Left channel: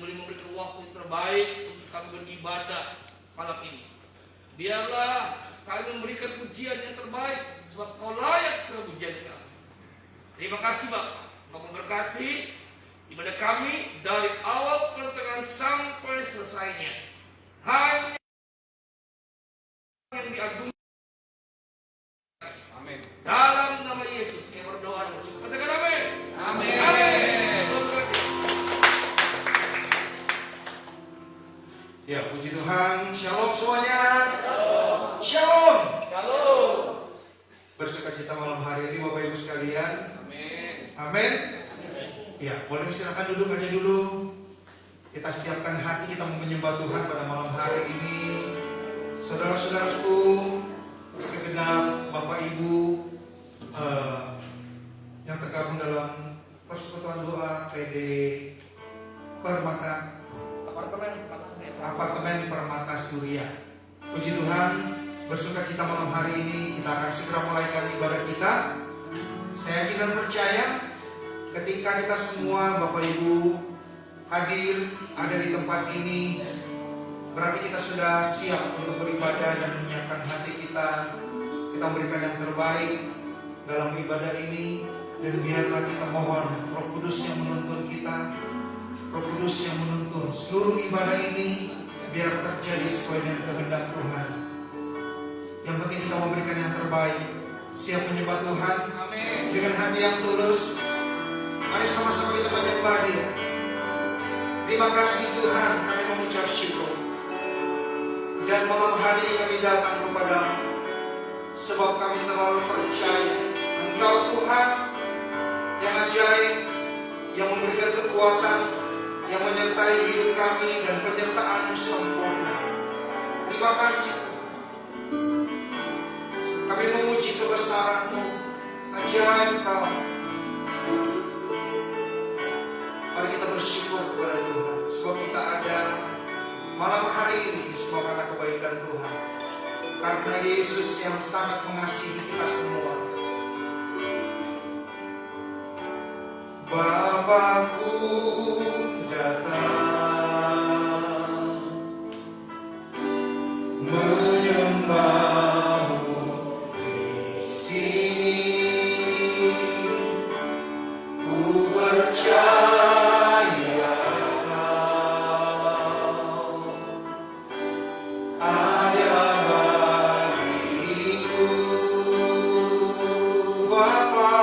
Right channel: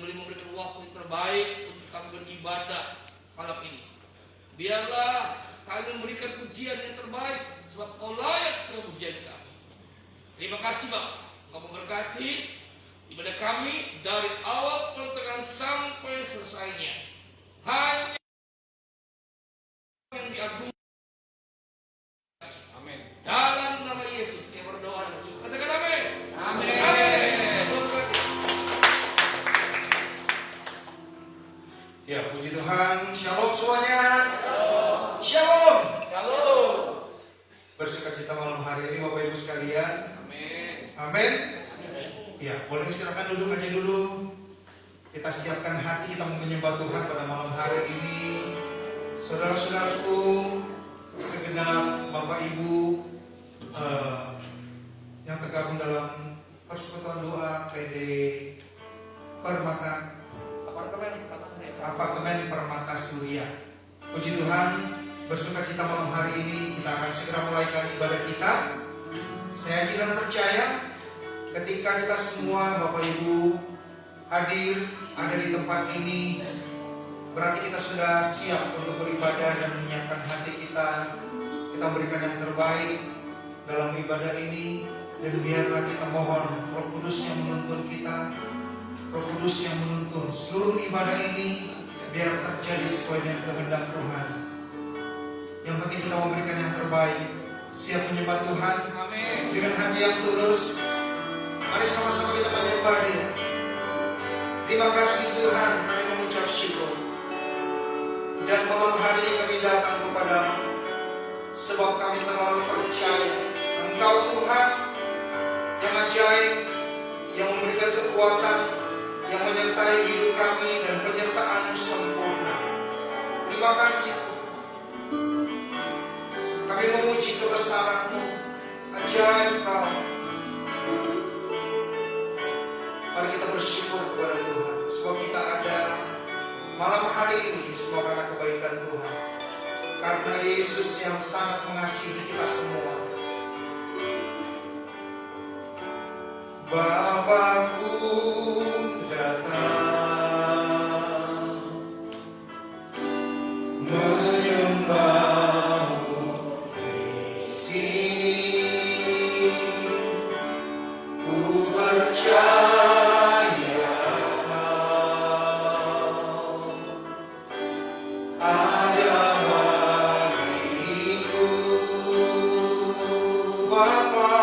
yang boleh memberikan waktu yang terbaik untuk kami beribadah malam ini. Biarlah kami memberikan pujian yang terbaik, sebab Kau layak terhadap pujian kami. Terima kasih Bapak, Kau memberkati ibadah kami dari awal pertengahan sampai selesainya. Hanya yang diagungkan. Amin. Dalam nama Yesus kami berdoa dan bersyukur. Katakan amin. Amin. Amin. Ya, puji Tuhan. Shalom semuanya. Shalom. Shalom. Bersukacita malam hari ini Bapak Ibu sekalian. Amin. Amin. Ya, boleh silakan duduk aja dulu. Kita siapkan hati, kita mau menyembah Tuhan pada malam hari ini. Saudara-saudaraku, segenap Bapak Ibu yang tergabung dalam persekutuan doa PD Apartemen Permata Surya. Puji Tuhan, bersukacita malam hari ini kita akan segera mulaikan ibadah kita. Saya yakin percaya ketika kita semua Bapak Ibu hadir ada di tempat ini, berarti kita sudah siap untuk beribadah dan menyiapkan hati kita. Kita berikan yang terbaik dalam ibadah ini, dan biarlah kita mohon Roh Kudus yang menuntun kita, Roh Kudus yang menuntun seluruh ibadah ini, biar terjadi sesuai dengan kehendak Tuhan. Yang penting kita memberikan yang terbaik, siap menyembah Tuhan dengan hati yang tulus. Mari sama-sama kita menyembah Dia. Terima kasih Tuhan, kami mengucap syukur. Dan malam hari ini kami datang kepada-Mu, sebab kami terlalu percaya Engkau Tuhan yang ajaib, yang memberikan kekuatan, yang menyertai hidup kami, dan penyertaan-Mu sempurna. Terima kasih. Kami memuji kebesaran-Mu, ajaib Kau. Mari kita bersyukur kepada Tuhan, sebab kita ada malam hari ini semua karena kebaikan Tuhan. Karena Yesus yang sangat mengasihi kita semua. Bapakku datang menyembah-Mu di sini. Ku percaya Kau ada bagiku, Bapa.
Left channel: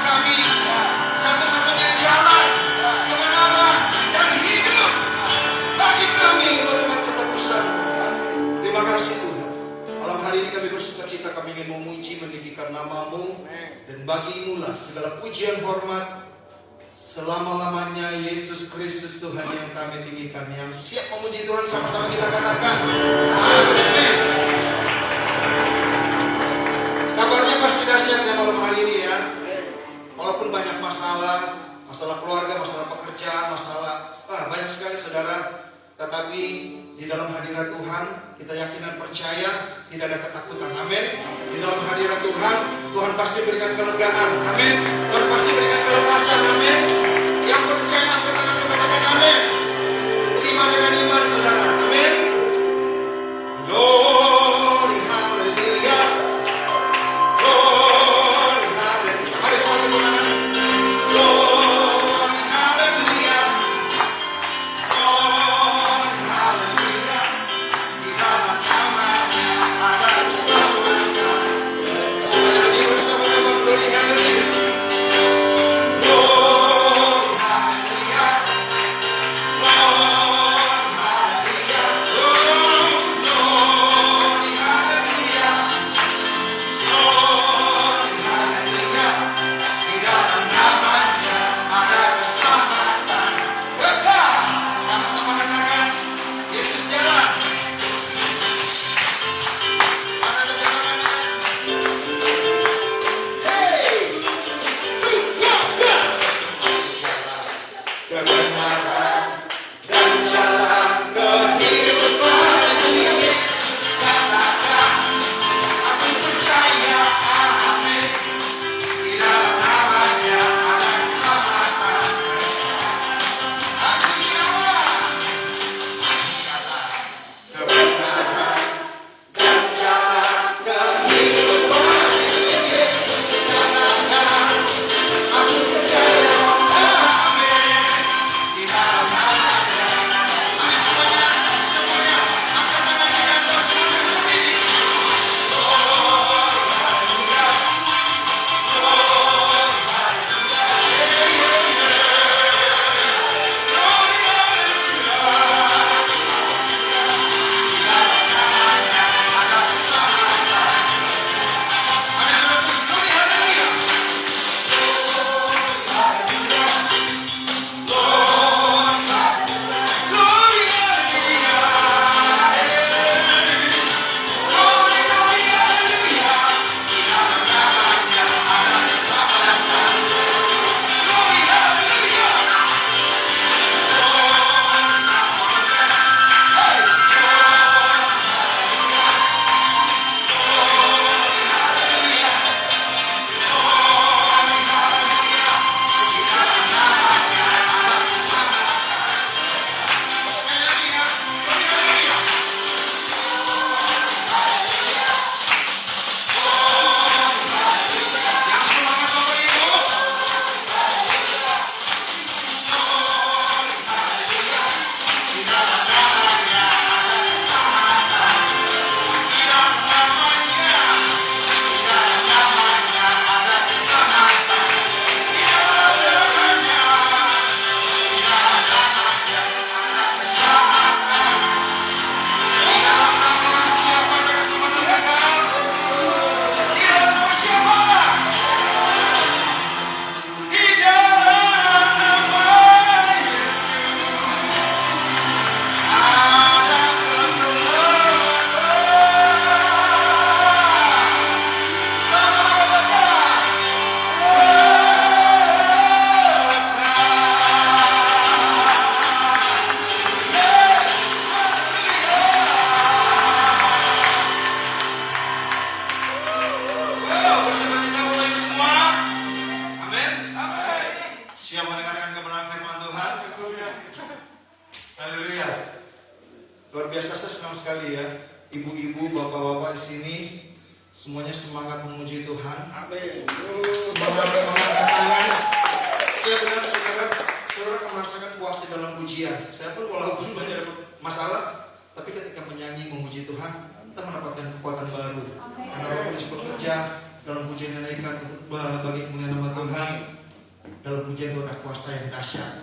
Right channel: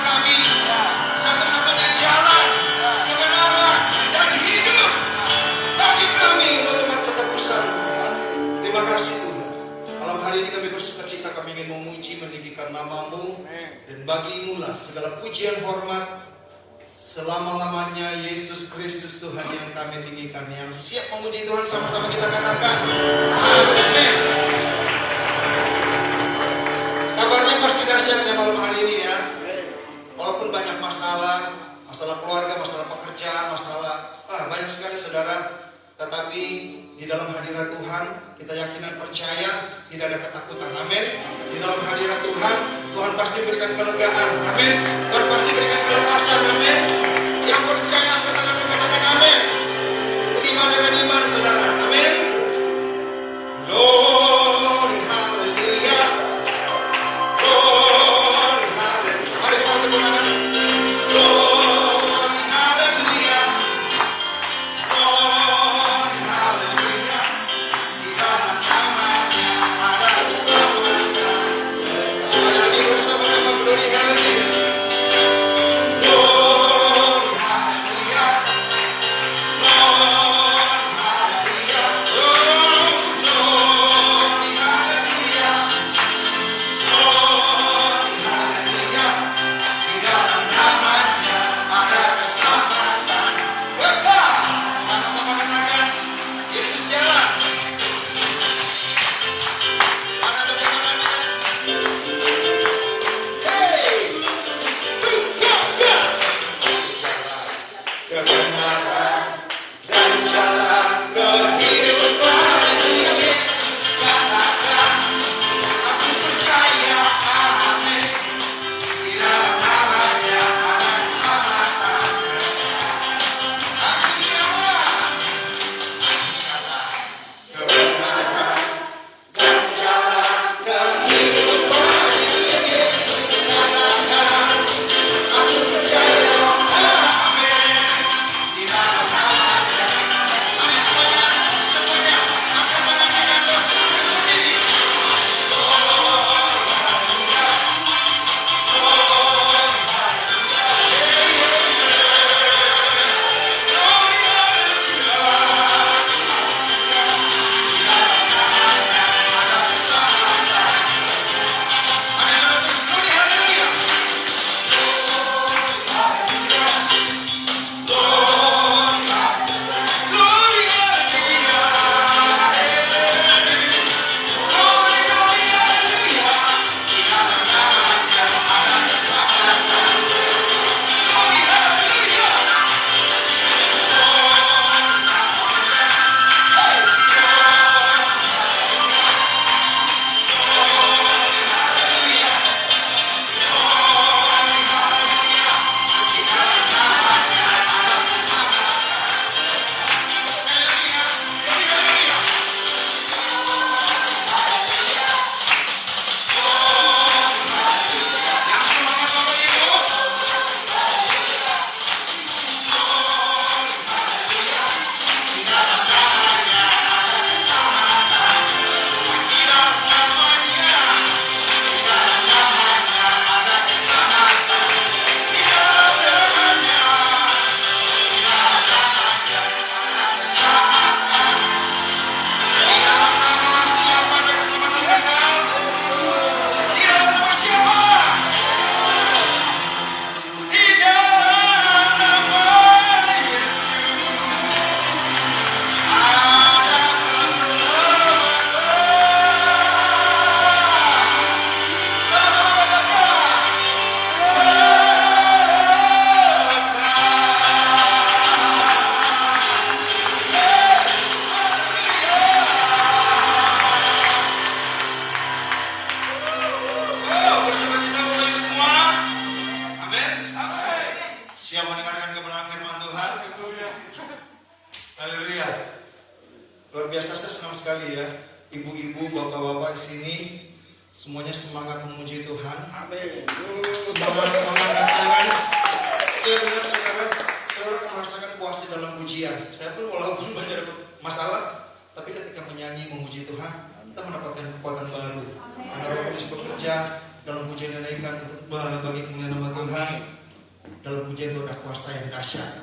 kami, satu-satunya jalan kebenaran dan hidup bagi kami umat ketebusan. Terima kasih Tuhan. Malam hari ini kami bersukacita, kami ingin memuji meninggikan nama-Mu, dan bagimu lah segala pujian hormat selama-lamanya. Yesus Kristus Tuhan yang kami tinggikan. Yang siap memuji Tuhan sama-sama kita katakan amin. Kabarnya pasti dahsyatnya malam hari ini ya. Walaupun banyak masalah keluarga, masalah pekerjaan, banyak sekali saudara. Tetapi di dalam hadirat Tuhan kita yakin dan percaya tidak ada ketakutan. Amin. Di dalam hadirat Tuhan, Tuhan pasti berikan kelegaan. Amin. Tuhan pasti berikan kelepasan. Amin. Yang percaya angkat tangan dan katakan amin. Beriman dengan iman saudara. Amin. Glory hallelujah. Glory hallelujah. Mari satu bertangan. Glory hallelujah. Glory hallelujah. Di dalam namanya ada keselamatan. Sekali lagi bersama-sama glory hallelujah. Glory hallelujah. Glory hallelujah. Glory hallelujah. Glory hallelujah. Di dalam namanya ada keselamatan. Kekal. Sama-sama dengarkan. Yesus jalan. Ada kebenaran. Hey. Kebenaran dan jalan kehidupan Yesus katakan. Aku percaya amin. Di dalam namanya ada keselamatan. Aku jalan. Kebenaran dan jalan kehidupan Yesus katakan. Aku percaya amin. Di dalam namanya. Mari semuanya angkat tangan kita ke seluruh bumi. Haleluya. Luar biasa, saya senang sekali ya. Ibu-ibu, bapak-bapak di sini semuanya semangat memuji Tuhan. Amin. Semangat mengangkat tangan. Iya benar, saya merasakan puas di dalam pujian. Saya pun walaupun banyak masalah, tapi ketika menyanyi memuji Tuhan, kita mendapatkan kekuatan baru. Karena Roh Kudus bekerja dalam pujian menaikkan bagi kemuliaan nama Tuhan, dalam pujian udah kuasa yang dahsyat.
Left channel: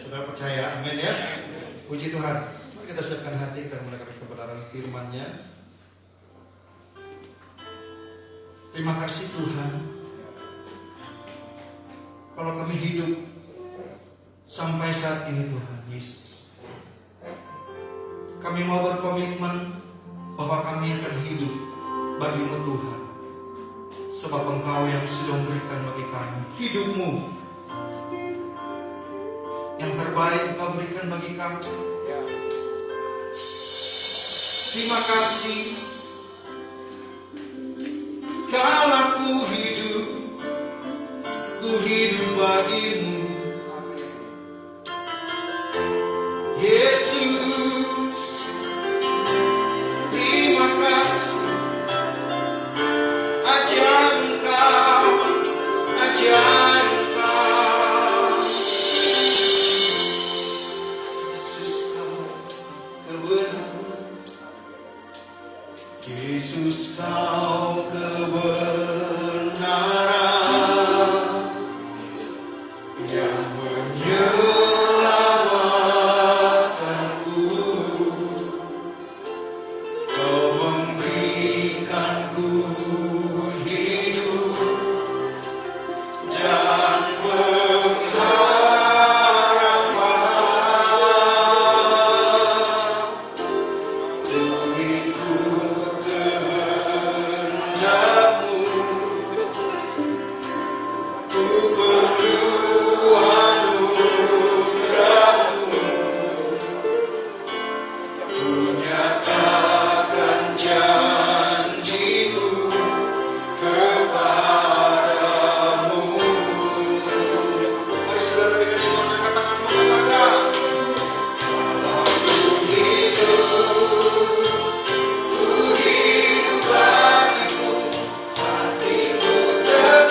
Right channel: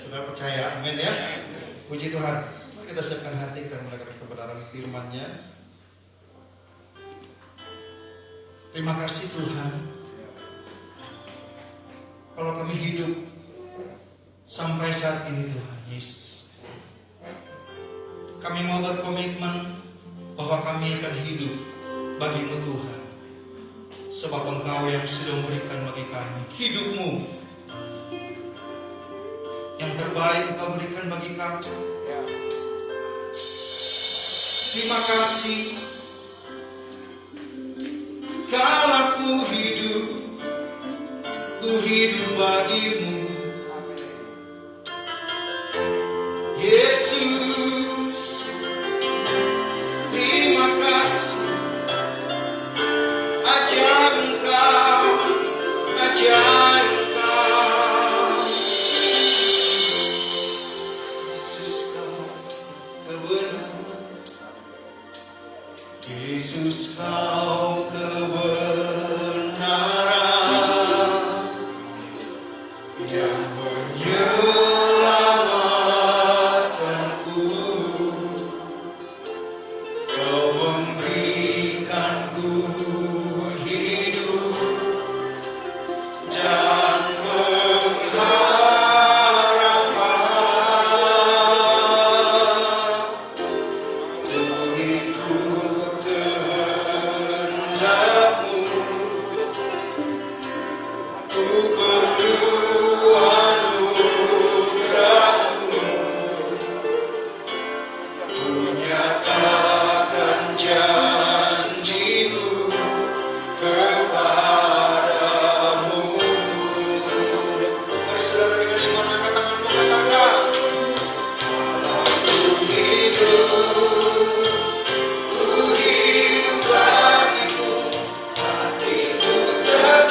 Saudara percaya, amin ya. Puji Tuhan. Mari kita siapkan hati dan mendengar kebenaran firman-Nya. Terima kasih Tuhan. Kalau kami hidup sampai saat ini Tuhan Yesus, kami mau berkomitmen bahwa kami akan hidup bagi-Mu Tuhan. Sebab Engkau yang sudah memberikan bagi kami hidup-Mu yang terbaik, Engkau berikan bagi kami. Terima kasih. Kalau ku hidup bagi-Mu Yesus. Terima kasih. Ajar Engkau Yesus, Kau kebenaran. Yesus, Kau kebenaran yang menyelamatkanku. Kau memberikanku hidup dan pengharapan. Ku ikut kehendak-Mu, ku perlu anugerah-Mu, ku nyatakan janji-Mu kepadamu. Mari saudara berikan angkat tanganmu, katakan, ku hidup bagi-Mu, hatiku tetap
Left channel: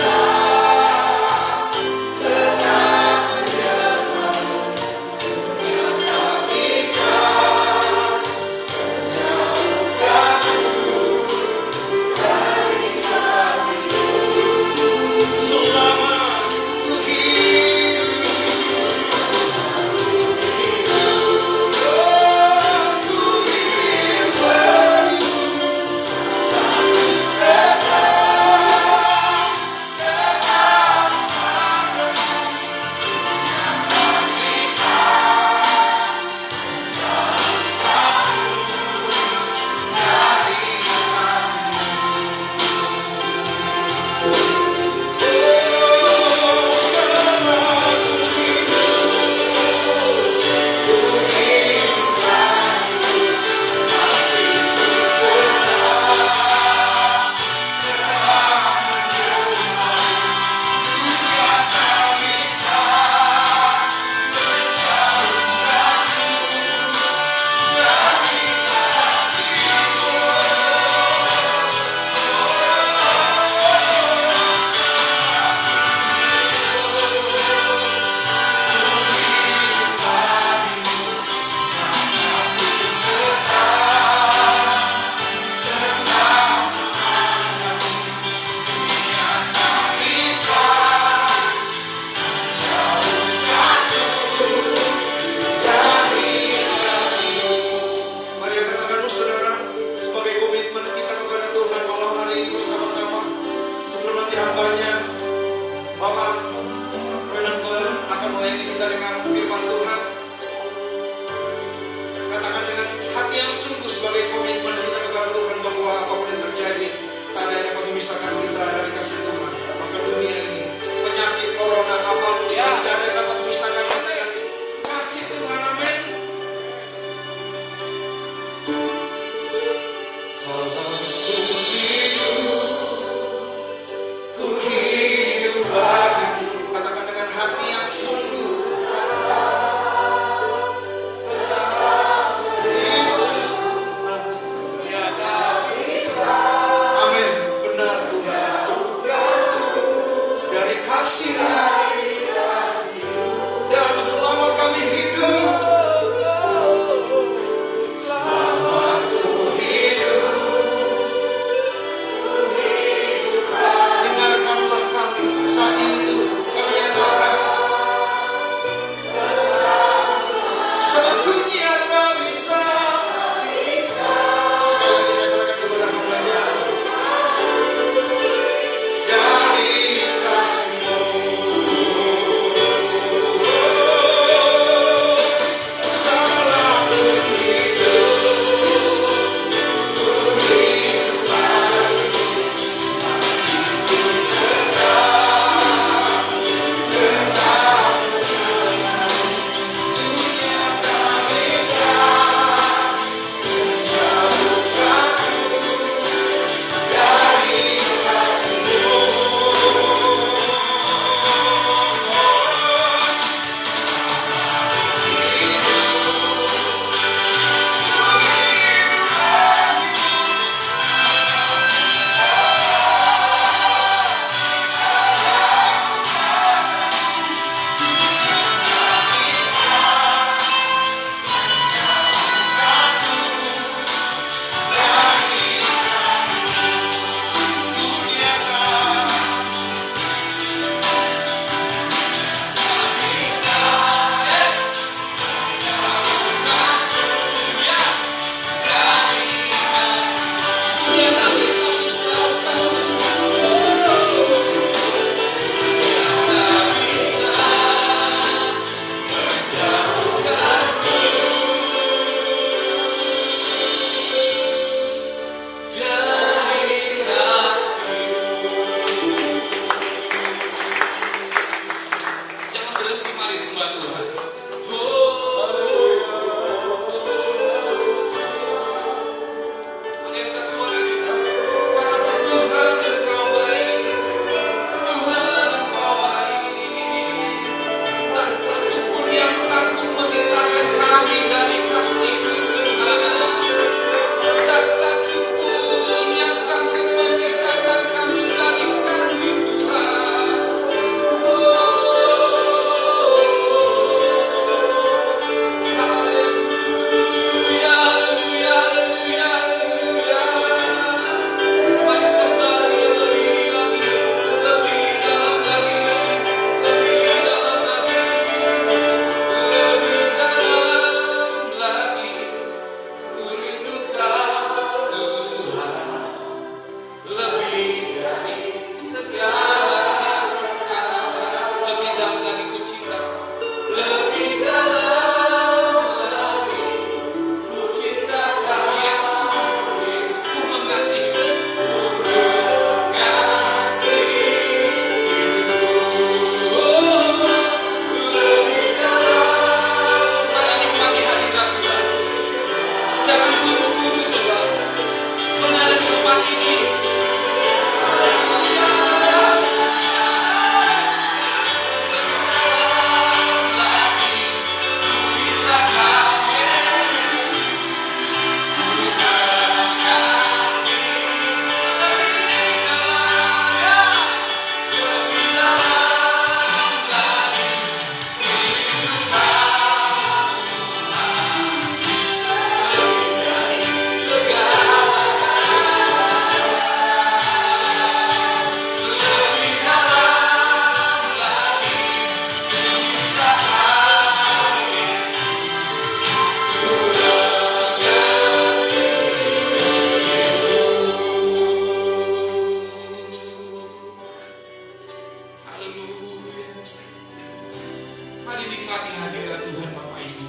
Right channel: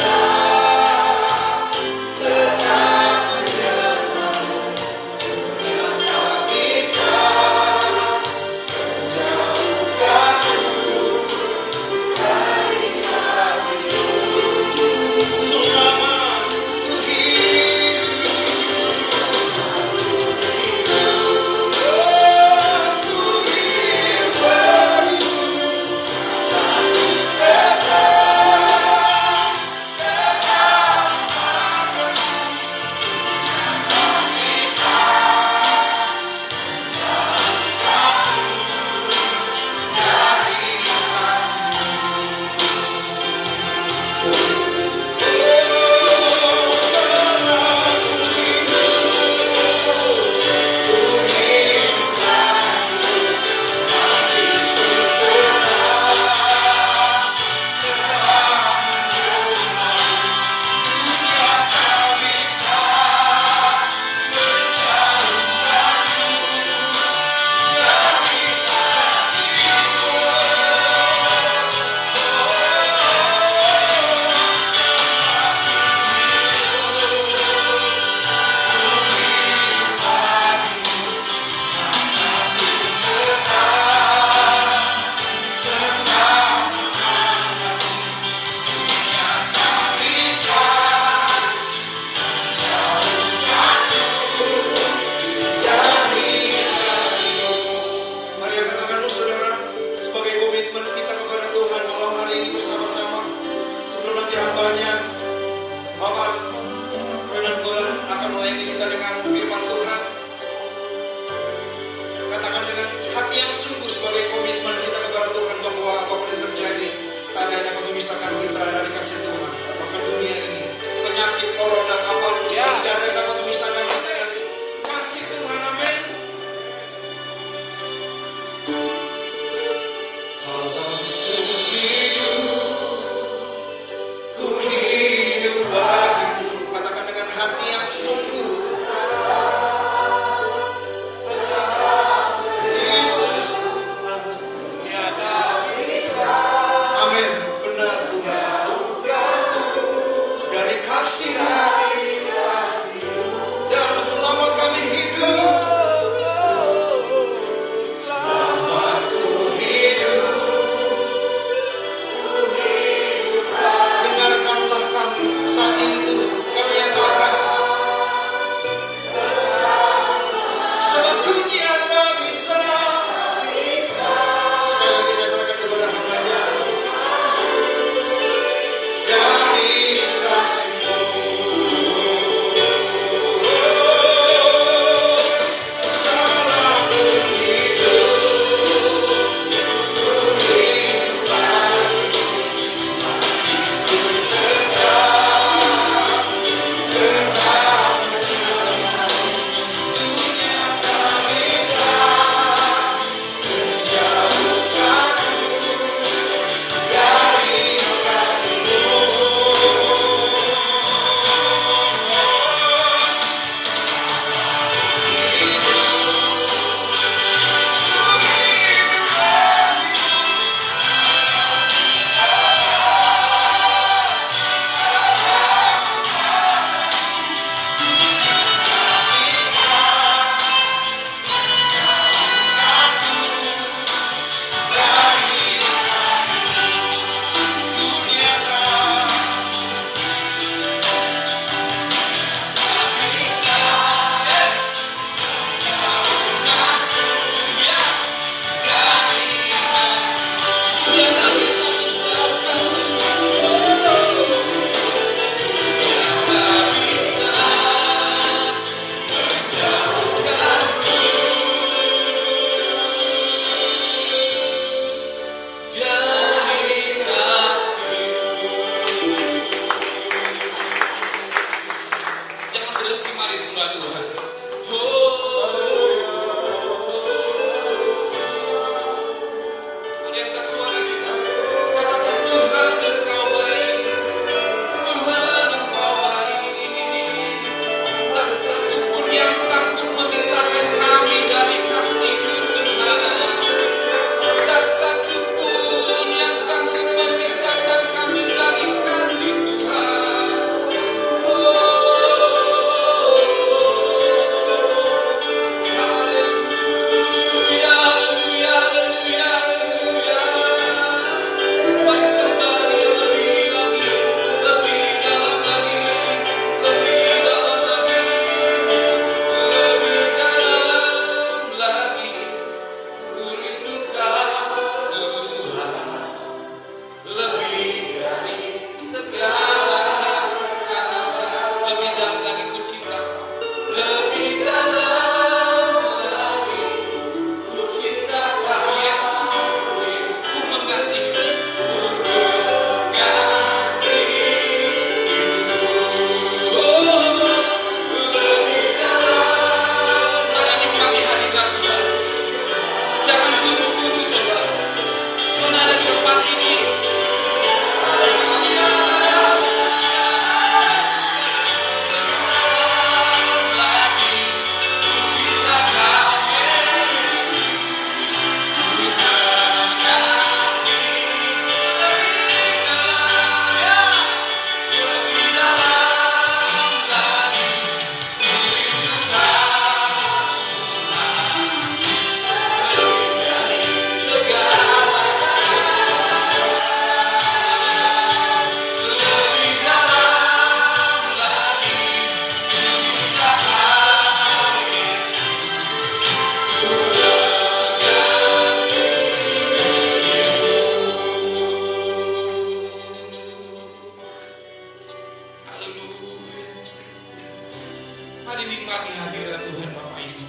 Mari nikmati hadirat Tuhan Bapak Ibu.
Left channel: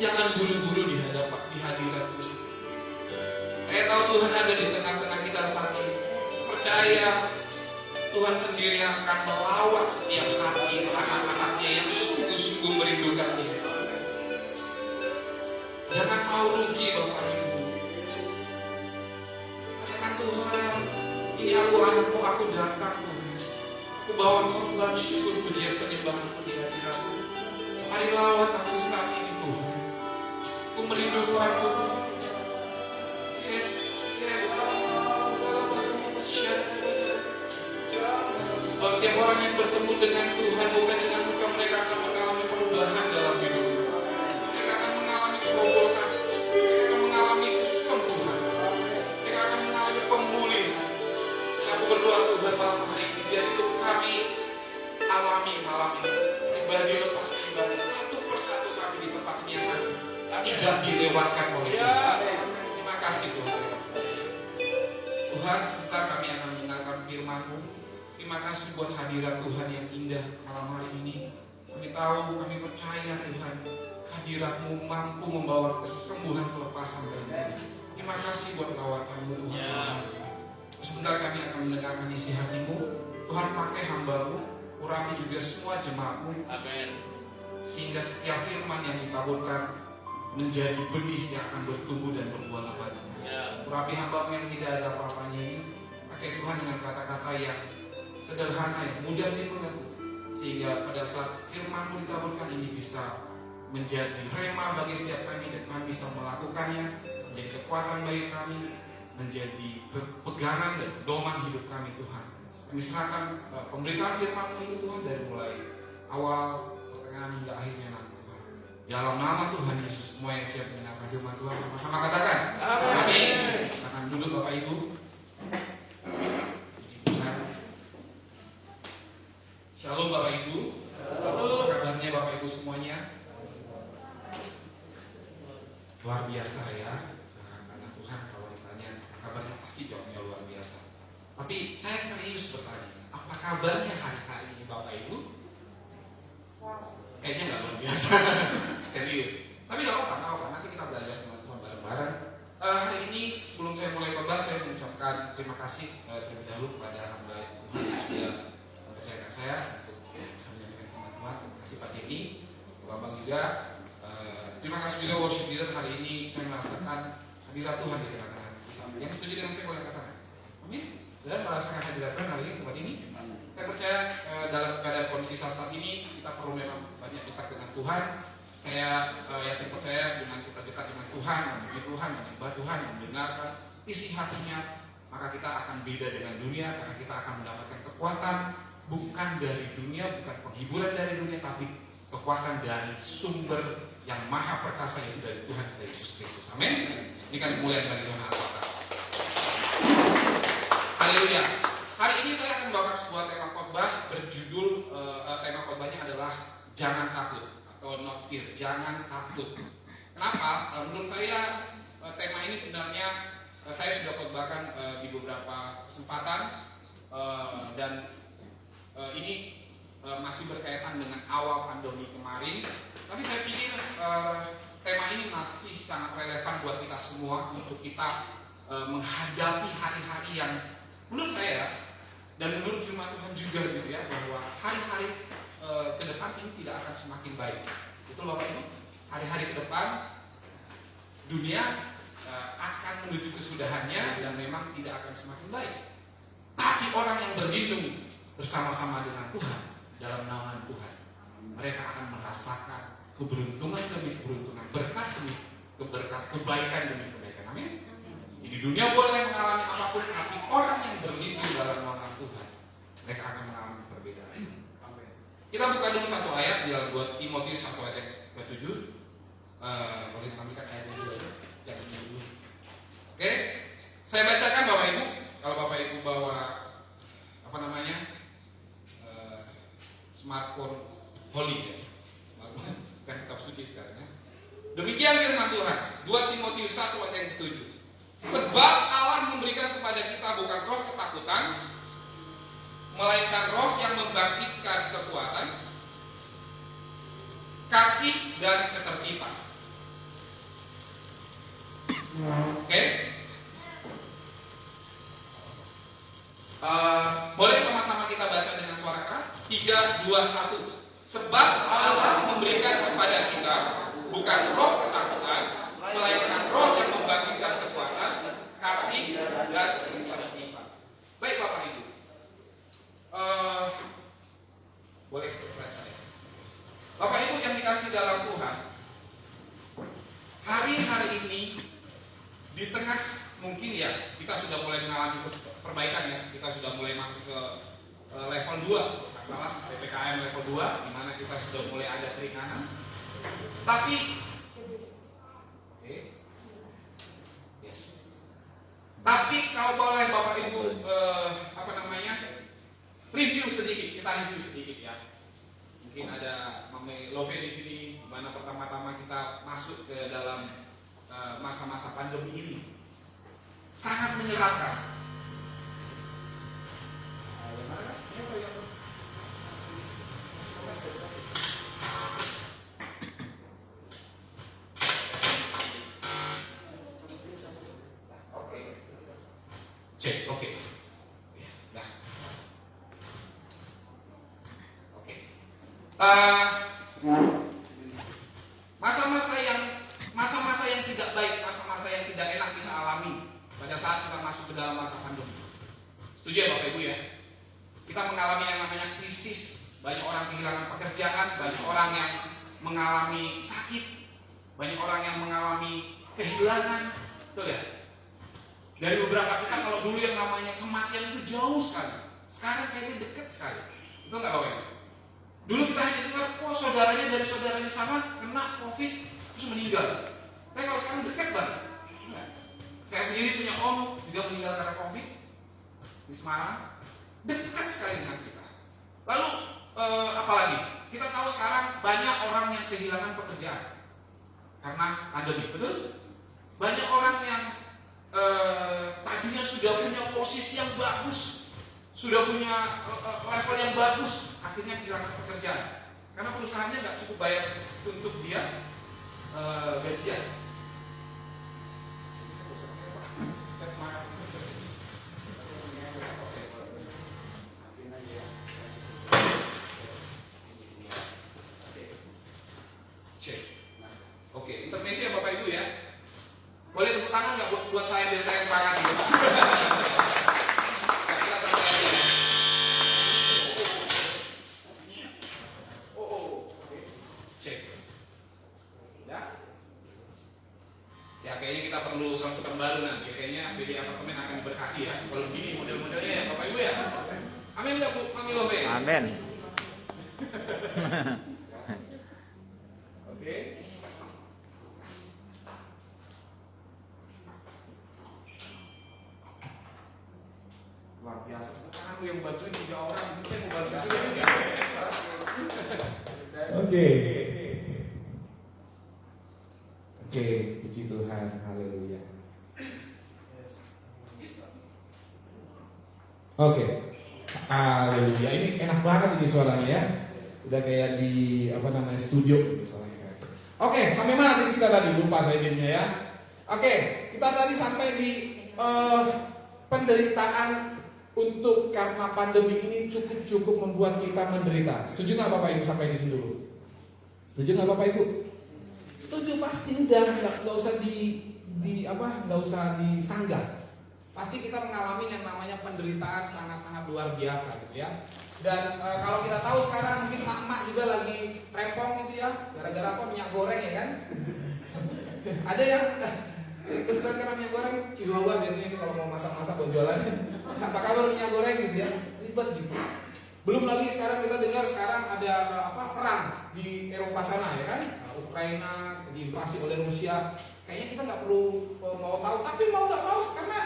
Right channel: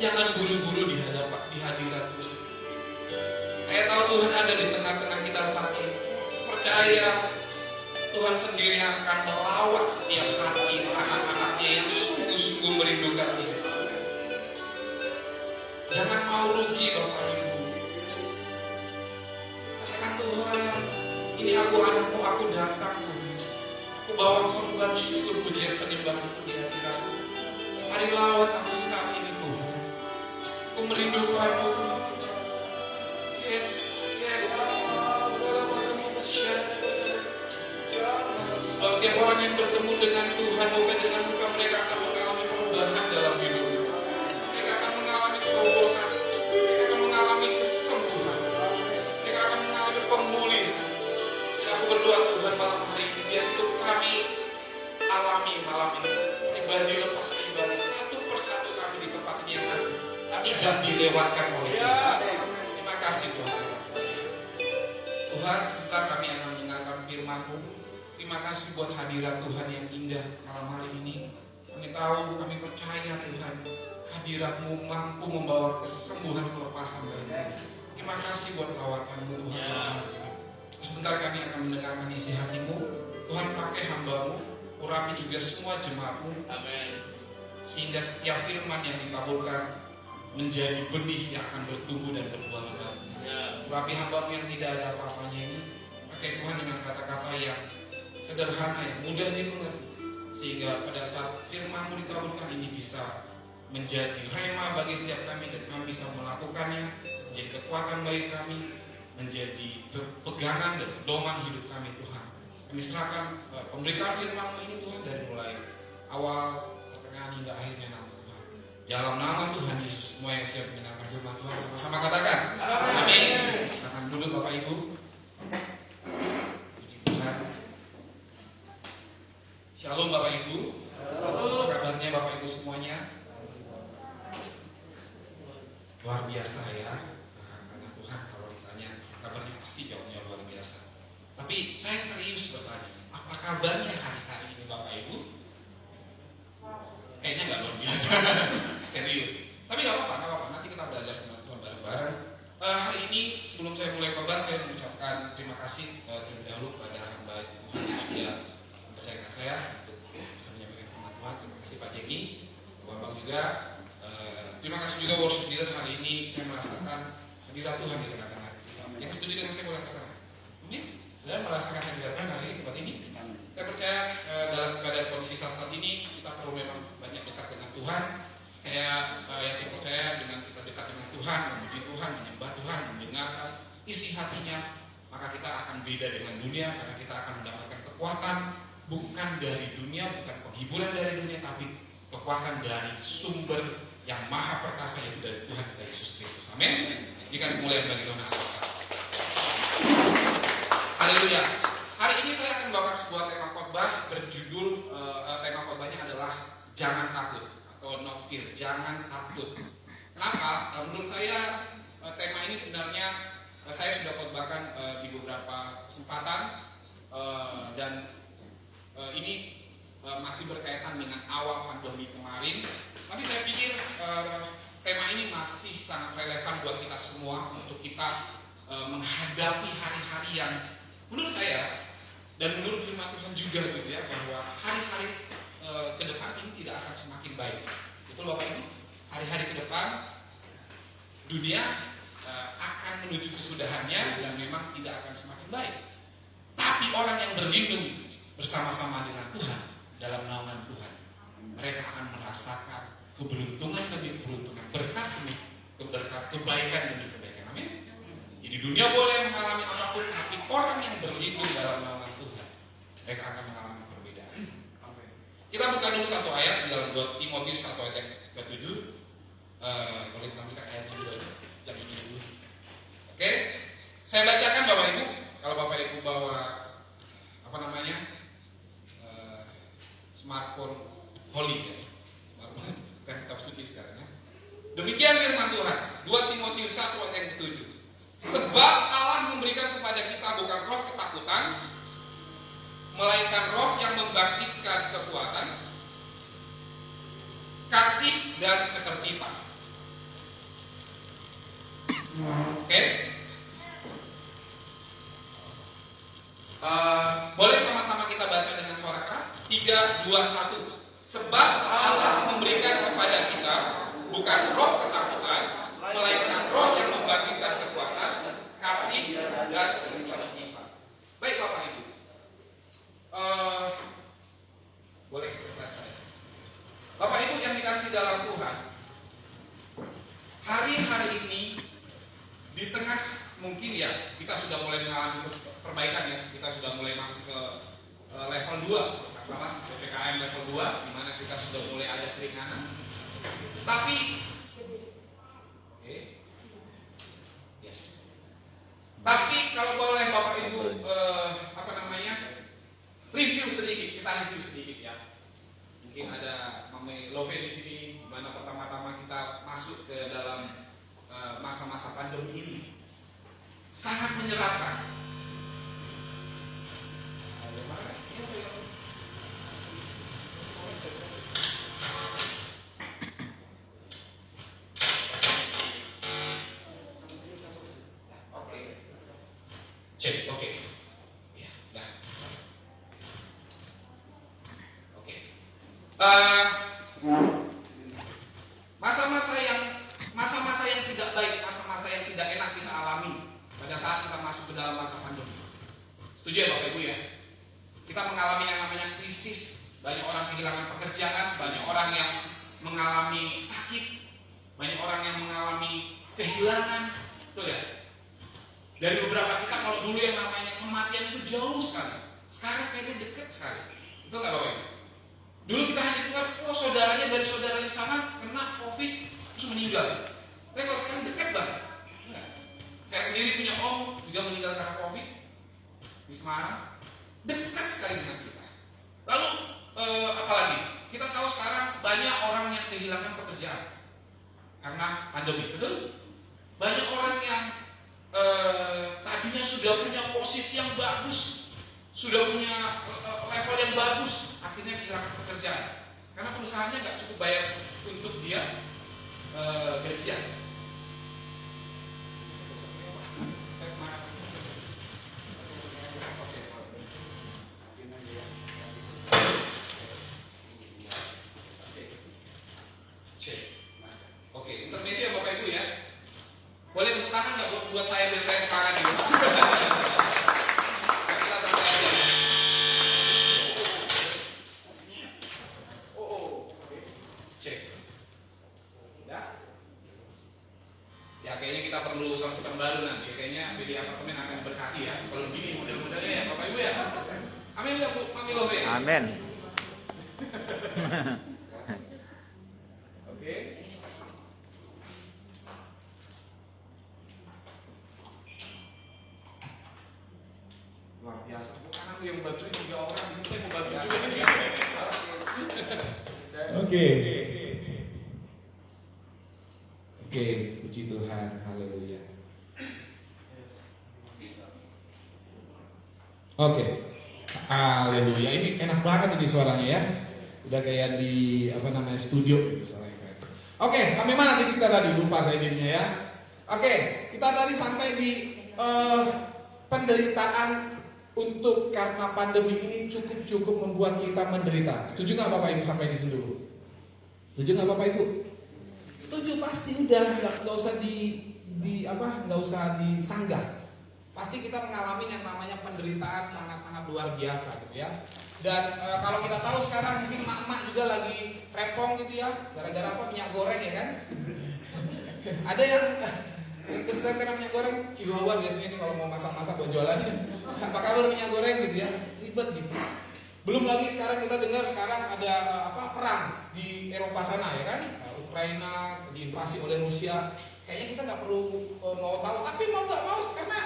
Jangan buru-buru di hadirat Tuhan. Saya tahu Tuhan ada di tengah-tengah kita saat ini. Percaya Tuhan sendiri akan melawat setiap hati anak-anaknya yang sungguh-sungguh merindukan Tuhan. Jangan mau rugi Bapak Ibu. Katakan Tuhan, ini aku anakmu, aku datang Tuhan. Aku bawa korban syukur pujian penyembahan di hati kami. Mari lawat aku saat ini Tuhan. Aku merindukan Tuhan. Yes. Sebab setiap orang yang bertemu dengan Tuhan, bukan disanggupan mereka akan mengalami perubahan dalam hidup. Mereka akan mengalami terobosan. Mereka akan mengalami kesembuhan. Mereka akan mengalami pemulihan. Aku berdoa Tuhan malam hari ini, biar itu kami alami malam ini. Pribadi lepas pribadi, satu persatu kami di tempat ini yang tadi tidak dilewatkan oleh Tuhan. Terima kasih Tuhan. Tuhan, sebentar kami akan mendengarkan firman-Mu. Terima kasih buat hadirat Tuhan yang indah malam hari ini. Kami tahu, kami percaya Tuhan, hadirat-Mu mampu membawa kesembuhan, kelepasan dan terima kasih buat tawaran-Mu Tuhan. Sebentar kami akan mendengarkan isi hati-Mu. Tuhan pakai hamba-Mu, urapi juga semua jemaat-Mu. Sehingga setiap firman yang ditaburkan menjadi benih yang akan bertumbuh dan berbuah lebat. Urapi hamba-Mu yang tidak ada apa-apanya ini. Pakai Tuhan dengan kata-kata yang sederhana, yang mudah dimengerti, sehingga pada saat firman-Mu ditaburkan ini bisa menjadi rema bagi setiap kami dan kami bisa melakukannya, menjadi kekuatan bagi kami, menjadi pegangan dan pedoman hidup kami Tuhan. Kami serahkan pemberitaan firman-Mu ini Tuhan dari mulai awal, pertengahan hingga akhirnya nanti Tuhan. Dalam nama Tuhan Yesus, semua yang siap mendengarkan firman Tuhan sama-sama katakan amin. Akan duduk Bapak Ibu. Shalom Bapak Ibu. Kabarnya Bapak Ibu semuanya? Luar biasa ya. Karena Tuhan kalau ditanya kabarnya pasti jawabnya luar biasa. Tapi saya serius bertanya, apa kabarnya hari-hari ini Bapak Ibu? Kayaknya nggak luar biasa. Serius. Tapi nggak apa-apa. Nanti kita belajar sama Tuhan bareng-bareng. Hari ini sebelum saya mulai khotbah, saya mengucapkan terima kasih terlebih dahulu kepada hamba Tuhan yang sudah mempercayakan saya untuk bisa menyampaikan firman Tuhan. Terima kasih Pak Denny, Bambang juga. Terima kasih juga worship leader. Hari ini saya merasakan hadirat Tuhan di tengah-tengah kita. Yang setuju dengan saya boleh katakan amin. Saya merasakan hadirat Tuhan hari ini tempat ini. Saya percaya dalam keadaan kondisi saat ini kita perlu memang banyak dekat dengan Tuhan. Saya yakin percaya dengan kita dekat dengan Tuhan, memuji Tuhan, menyembah Tuhan, mendengarkan isi hatinya, maka kita akan beda dengan dunia, karena kita akan mendapatkan kekuatan bukan dari dunia, bukan penghiburan dari dunia, tapi kekuatan dari sumber yang maha perkasa, yaitu dari Tuhan kita Yesus Kristus. Amin. Ini kan kemuliaan bagi Tuhan Allah. Haleluya. Hari ini saya akan membawa sebuah tema khotbah berjudul tema khotbahnya adalah jangan takut atau not fear, jangan takut. Kenapa? Menurut saya tema ini sebenarnya saya sudah khotbahkan di beberapa kesempatan dan ini masih berkaitan dengan awal pandemi kemarin. Tapi saya pikir tema ini masih sangat relevan buat kita semua untuk kita menghadapi hari-hari yang menurut saya dan menurut firman Tuhan juga gitu ya, bahwa hari-hari ke depan ini tidak akan semakin baik. Itu loh Bapak Ibu. Hari-hari ke depan dunia akan menuju kesudahannya dan memang tidak akan semakin baik. Tapi orang yang berlindung bersama-sama dengan Tuhan dalam naungan Tuhan, mereka akan merasakan keberuntungan demi keberuntungan, berkat demi berkat, kebaikan demi kebaikan. Amin. Jadi dunia boleh mengalami apapun, tapi orang yang berlindung dalam naungan Tuhan, mereka akan mengalami perbedaan. Amin. Kita buka dulu satu ayat di dalam 2 Timotius 1 ayat ke-7. Kalau ditampilkan ayatnya dulu aja, jadinya dulu. Oke, saya bacakan Bapak Ibu. Kalau Bapak Ibu bawa apa namanya smartphone holy, kan kitab suci sekarang. Demikian firman Tuhan, 2 Timotius 1 ayat 7. Sebab Allah memberikan kepada kita bukan roh ketakutan, melainkan roh yang membangkitkan kekuatan, kasih dan ketertiban. Oke? Boleh sama-sama kita baca dengan suara keras? 3, 2, 1. Sebab Allah memberikan kepada kita bukan roh ketakutan, melainkan roh yang membangkitkan kekuatan, kasih dan ketertiban. Baik Bapak Ibu. Boleh kita selesai. Bapak Ibu yang dikasih dalam Tuhan, hari-hari ini di tengah mungkin ya kita sudah mulai mengalami perbaikan ya, kita sudah mulai masuk ke level 2 sama PPKM level 2 di mana kita sudah mulai ada keringanan. Tapi tapi kalau boleh Bapak Ibu review sedikit, kita review sedikit ya. Mungkin ada Mame Love di sini, di mana pertama-tama kita masuk ke dalam masa-masa pandemi ini sangat menyeramkan. Cek, oke. Ya, dah. Oke. Masa-masa yang tidak baik, masa-masa yang tidak enak kita alami pada saat kita masuk ke dalam masa pandemi. Setuju ya Bapak Ibu ya? Kita mengalami yang namanya krisis. Banyak orang kehilangan pekerjaan, banyak orang yang mengalami sakit, banyak orang yang mengalami kehilangan. Betul ya? Dari beberapa kita kalau dulu yang namanya kematian itu jauh sekali, sekarang kayaknya dekat sekali. Itu nggak Bapak Ibu? Dulu kita hanya dengar, oh saudaranya dari saudara di sana kena COVID terus meninggal. Tapi kalau sekarang dekat banget. Saya sendiri punya om juga meninggal karena COVID di Semarang. Dekat sekali dengan kita. Lalu apalagi? Kita tahu sekarang banyak orang yang kehilangan pekerjaan karena pandemi, betul? Banyak orang yang tadinya sudah punya posisi yang bagus, sudah punya level yang bagus, akhirnya kehilangan pekerjaan karena perusahaannya nggak cukup bayar untuk dia gajian. Oke, intermezzo ya Bapak Ibu ya. Boleh tepuk tangan nggak buat saya biar saya semangat gitu. Cek. Ya kayaknya kita perlu sistem baru nanti. Kayaknya pilih apartemen akan berkati ya. Kalau begini model-modelnya ya Bapak Ibu ya. Amin ya Bu, amin loh ya. Amin. Oke. Luar biasa. Karena aku yang bantuin juga orang, mungkin mau bantu juga nih. Oke, puji Tuhan, haleluya. Oke, haleluya. Ini enak banget ini suaranya ya. Udah kayak di studio gitu suaranya. Oke, sampai mana tadi kita tadi? Lupa saya jadinya ya. Oke, kita tadi sampai di penderitaan untuk karena pandemi ini cukup membuat kita menderita. Setuju nggak Bapak Ibu sampai di sini dulu? Setuju nggak Bapak Ibu? Setuju pasti dan nggak usah nggak usah disanggah. Pasti kita mengalami yang namanya penderitaan sangat-sangat luar biasa gitu ya. Dan kalau kita tahu sekarang mungkin mak-mak juga lagi repong gitu ya, gara-gara apa, minyak goreng ya kan? Ada yang kesusahan karena minyak goreng, Chihuahua biasanya ini kalau mau masak-masak buat jualan. Apa kabar minyak goreng gitu ya? Ribet gitu. Belum lagi sekarang kita dengar sekarang ada perang di Eropa sana ya kan? Ukraina diinvasi oleh Rusia. Kayaknya kita nggak perlu mau tahu, tapi mau nggak mau karena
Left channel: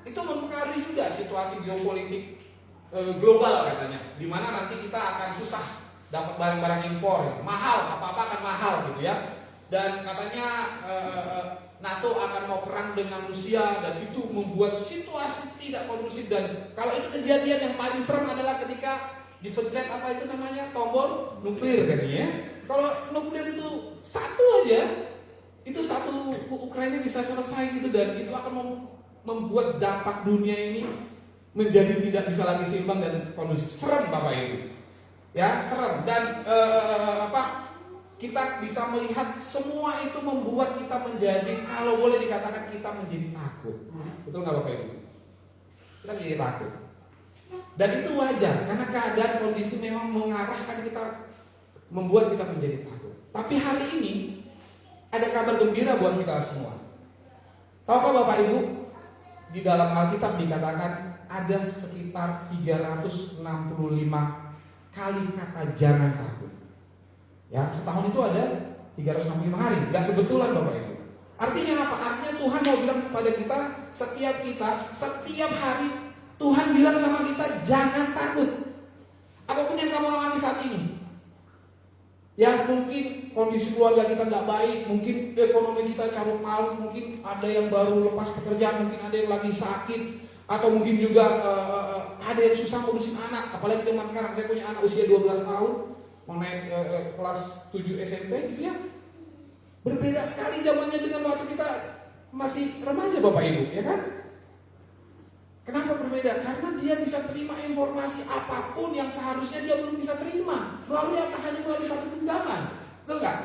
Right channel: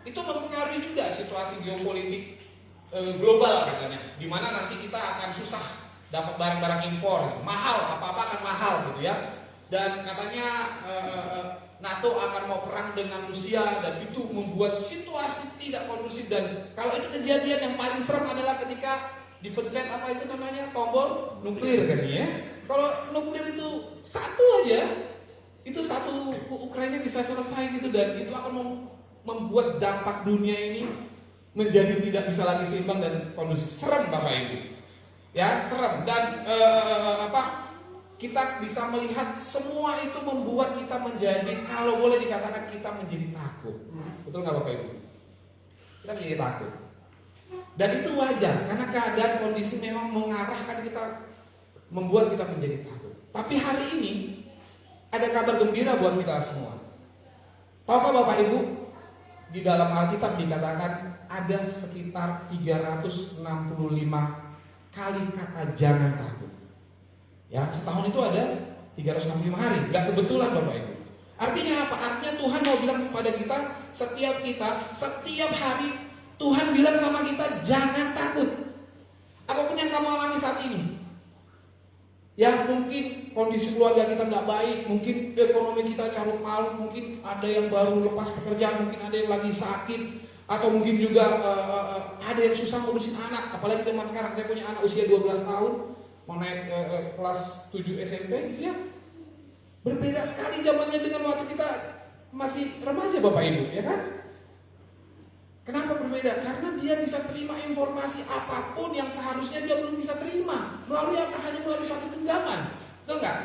itu mempengaruhi juga situasi geopolitik global katanya. Dimana nanti kita akan susah dapat barang-barang impor, mahal, apa-apa akan mahal gitu ya. Dan katanya NATO akan mau perang dengan Rusia dan itu membuat situasi tidak kondusif. Dan kalau itu kejadian yang paling serem adalah ketika dipencet tombol nuklir kan ya. Kalau nuklir itu satu aja, itu satu Ukraina bisa selesai gitu, dan itu akan membuat dampak dunia ini menjadi tidak bisa lagi seimbang dan kondusif. Serem Bapak Ibu. Ya, serem. Dan kita bisa melihat semua itu membuat kita menjadi, kalau boleh dikatakan kita menjadi takut. Betul nggak Bapak Ibu? Kita menjadi takut. Dan itu wajar, karena keadaan kondisi memang mengarahkan kita, membuat kita menjadi takut. Tapi hari ini ada kabar gembira buat kita semua. Tahukah Bapak Ibu, di dalam Alkitab dikatakan ada sekitar 365 kali kata jangan takut. Ya, setahun itu ada 365 hari, nggak kebetulan Bapak Ibu. Artinya apa? Artinya Tuhan mau bilang kepada kita, setiap hari Tuhan bilang sama kita, jangan takut. Apapun yang kamu alami saat ini, ya mungkin kondisi keluarga kita nggak baik, mungkin ekonomi kita carut marut, mungkin ada yang baru lepas pekerjaan, mungkin ada yang lagi sakit, atau mungkin juga ada yang susah ngurusin anak. Apalagi zaman sekarang, saya punya anak usia 12 tahun, mau naik kelas 7 SMP gitu ya. Berbeda sekali zamannya dengan waktu kita masih remaja Bapak Ibu, ya kan? Kenapa berbeda? Karena dia bisa terima informasi apapun yang seharusnya dia belum bisa terima. Melalui apa? Hanya melalui satu genggaman. Betul nggak?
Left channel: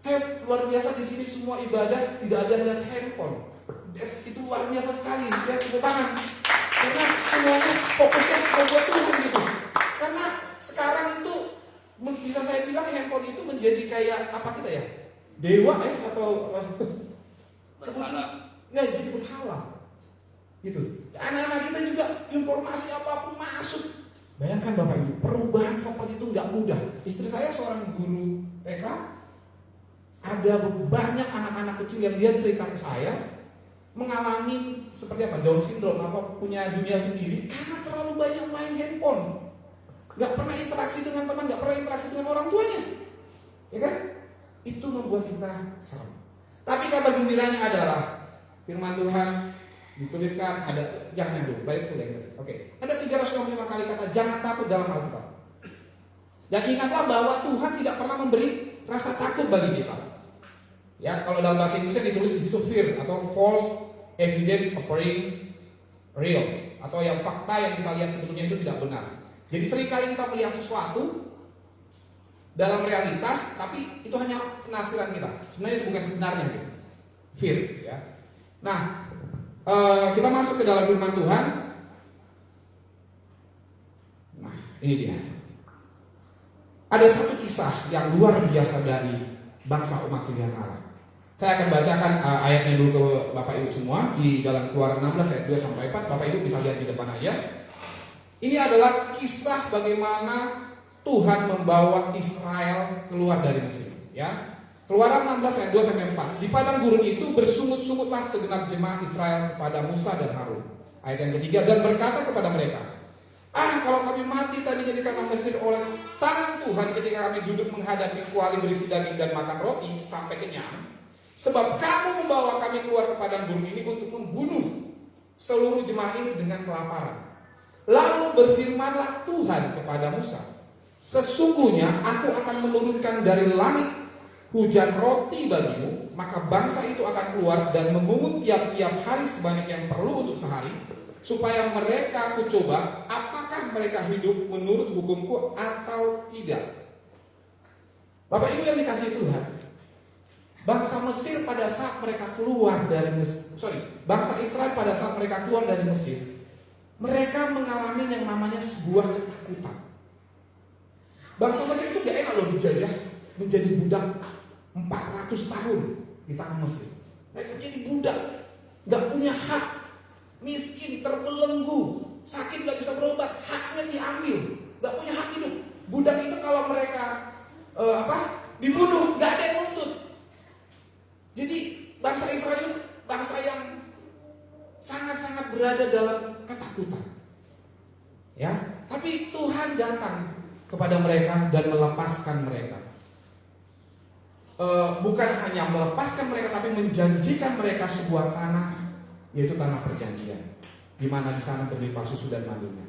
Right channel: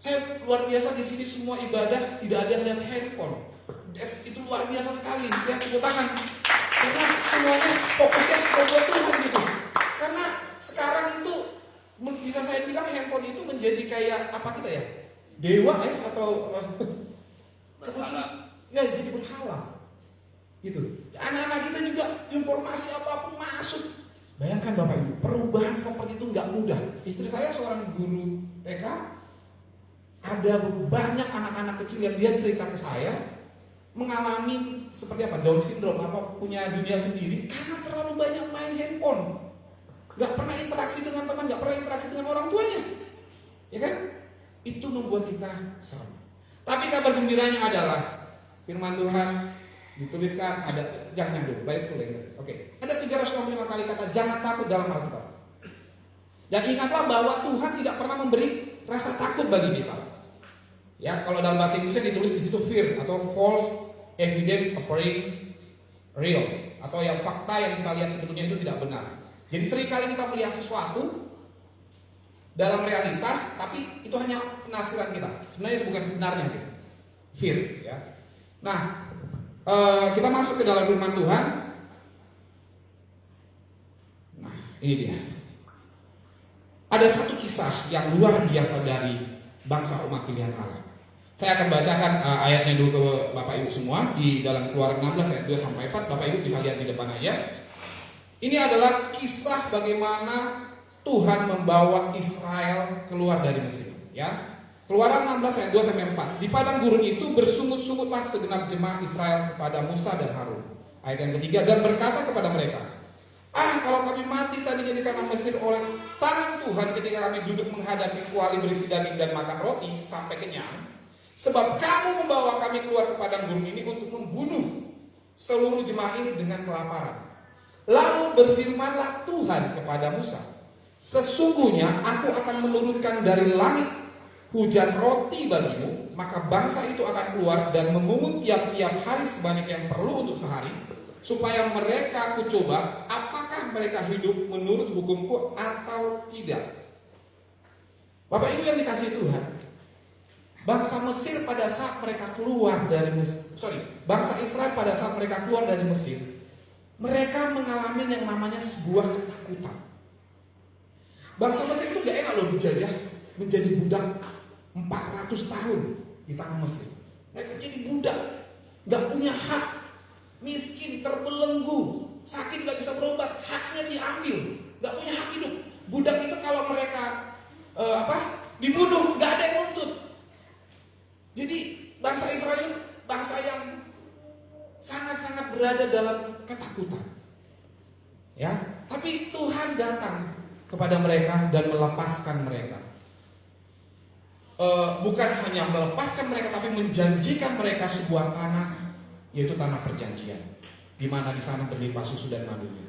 Saya luar biasa di sini semua ibadah tidak ada yang lihat handphone. Itu luar biasa sekali. Ya, tepuk tangan. Karena semuanya fokusnya kepada Tuhan gitu. Karena sekarang itu bisa saya bilang handphone itu menjadi kayak apa kita ya? Dewa atau ya jadi berhala. Gitu. Anak-anak kita juga informasi apapun masuk. Bayangkan Bapak Ibu, perubahan seperti itu nggak mudah. Istri saya seorang guru TK, ada banyak anak-anak kecil yang dia cerita ke saya mengalami seperti apa, Down syndrome, apa punya dunia sendiri karena terlalu banyak main handphone, nggak pernah interaksi dengan teman, nggak pernah interaksi dengan orang tuanya, ya kan? Itu membuat kita serem. Tapi kabar gembiranya adalah firman Tuhan dituliskan ada, jangan dulu, baik tuh ya. Oke, ada 365 kali kata jangan takut dalam Alkitab. Dan ingatlah bahwa Tuhan tidak pernah memberi rasa takut bagi kita. Ya, kalau dalam bahasa Indonesia ditulis di situ fear atau false evidence appearing real, atau yang fakta yang kita lihat sebetulnya itu tidak benar. Jadi seringkali kita melihat sesuatu dalam realitas, tapi itu hanya penafsiran kita. Sebenarnya itu bukan sebenarnya gitu. Fear, ya. Nah, kita masuk ke dalam firman Tuhan. Nah, ini dia. Ada satu kisah yang luar biasa dari bangsa umat pilihan Allah. Saya akan bacakan ayatnya dulu ke Bapak Ibu semua di dalam Keluaran 16 ayat 2 sampai 4. Bapak Ibu bisa lihat di depan aja. Ini adalah kisah bagaimana Tuhan membawa Israel keluar dari Mesir, ya. Keluaran 16 ayat 2 sampai 4. Di padang gurun itu bersungut-sungutlah segenap jemaat Israel kepada Musa dan Harun. Ayat yang ketiga, dan berkata kepada mereka, kalau kami mati tadi jadi karena Mesir oleh tangan Tuhan ketika kami duduk menghadapi kuali berisi daging dan makan roti sampai kenyang. Sebab kamu membawa kami keluar ke padang gurun ini untuk membunuh seluruh jemaat ini dengan kelaparan. Lalu berfirmanlah Tuhan kepada Musa, sesungguhnya aku akan menurunkan dari langit hujan roti bagimu, maka bangsa itu akan keluar dan memungut tiap-tiap hari sebanyak yang perlu untuk sehari, supaya mereka kucoba apakah mereka hidup menurut hukumku atau tidak. Bapak Ibu yang dikasihi Tuhan, bangsa Mesir pada saat mereka keluar dari bangsa Israel pada saat mereka keluar dari Mesir, mereka mengalami yang namanya sebuah ketakutan. Bangsa Mesir itu gak enak loh dijajah, menjadi budak 400 tahun di tanah Mesir. Mereka jadi budak, gak punya hak, miskin, terbelenggu, sakit gak bisa berobat, haknya diambil, gak punya hak hidup. Budak itu kalau mereka dibunuh, gak ada yang nuntut. Jadi bangsa Israel itu bangsa yang sangat-sangat berada dalam ketakutan. Ya, tapi Tuhan datang kepada mereka dan melepaskan mereka. Bukan hanya melepaskan mereka, tapi menjanjikan mereka sebuah tanah, yaitu tanah perjanjian, di mana di sana berlimpah susu dan madunya.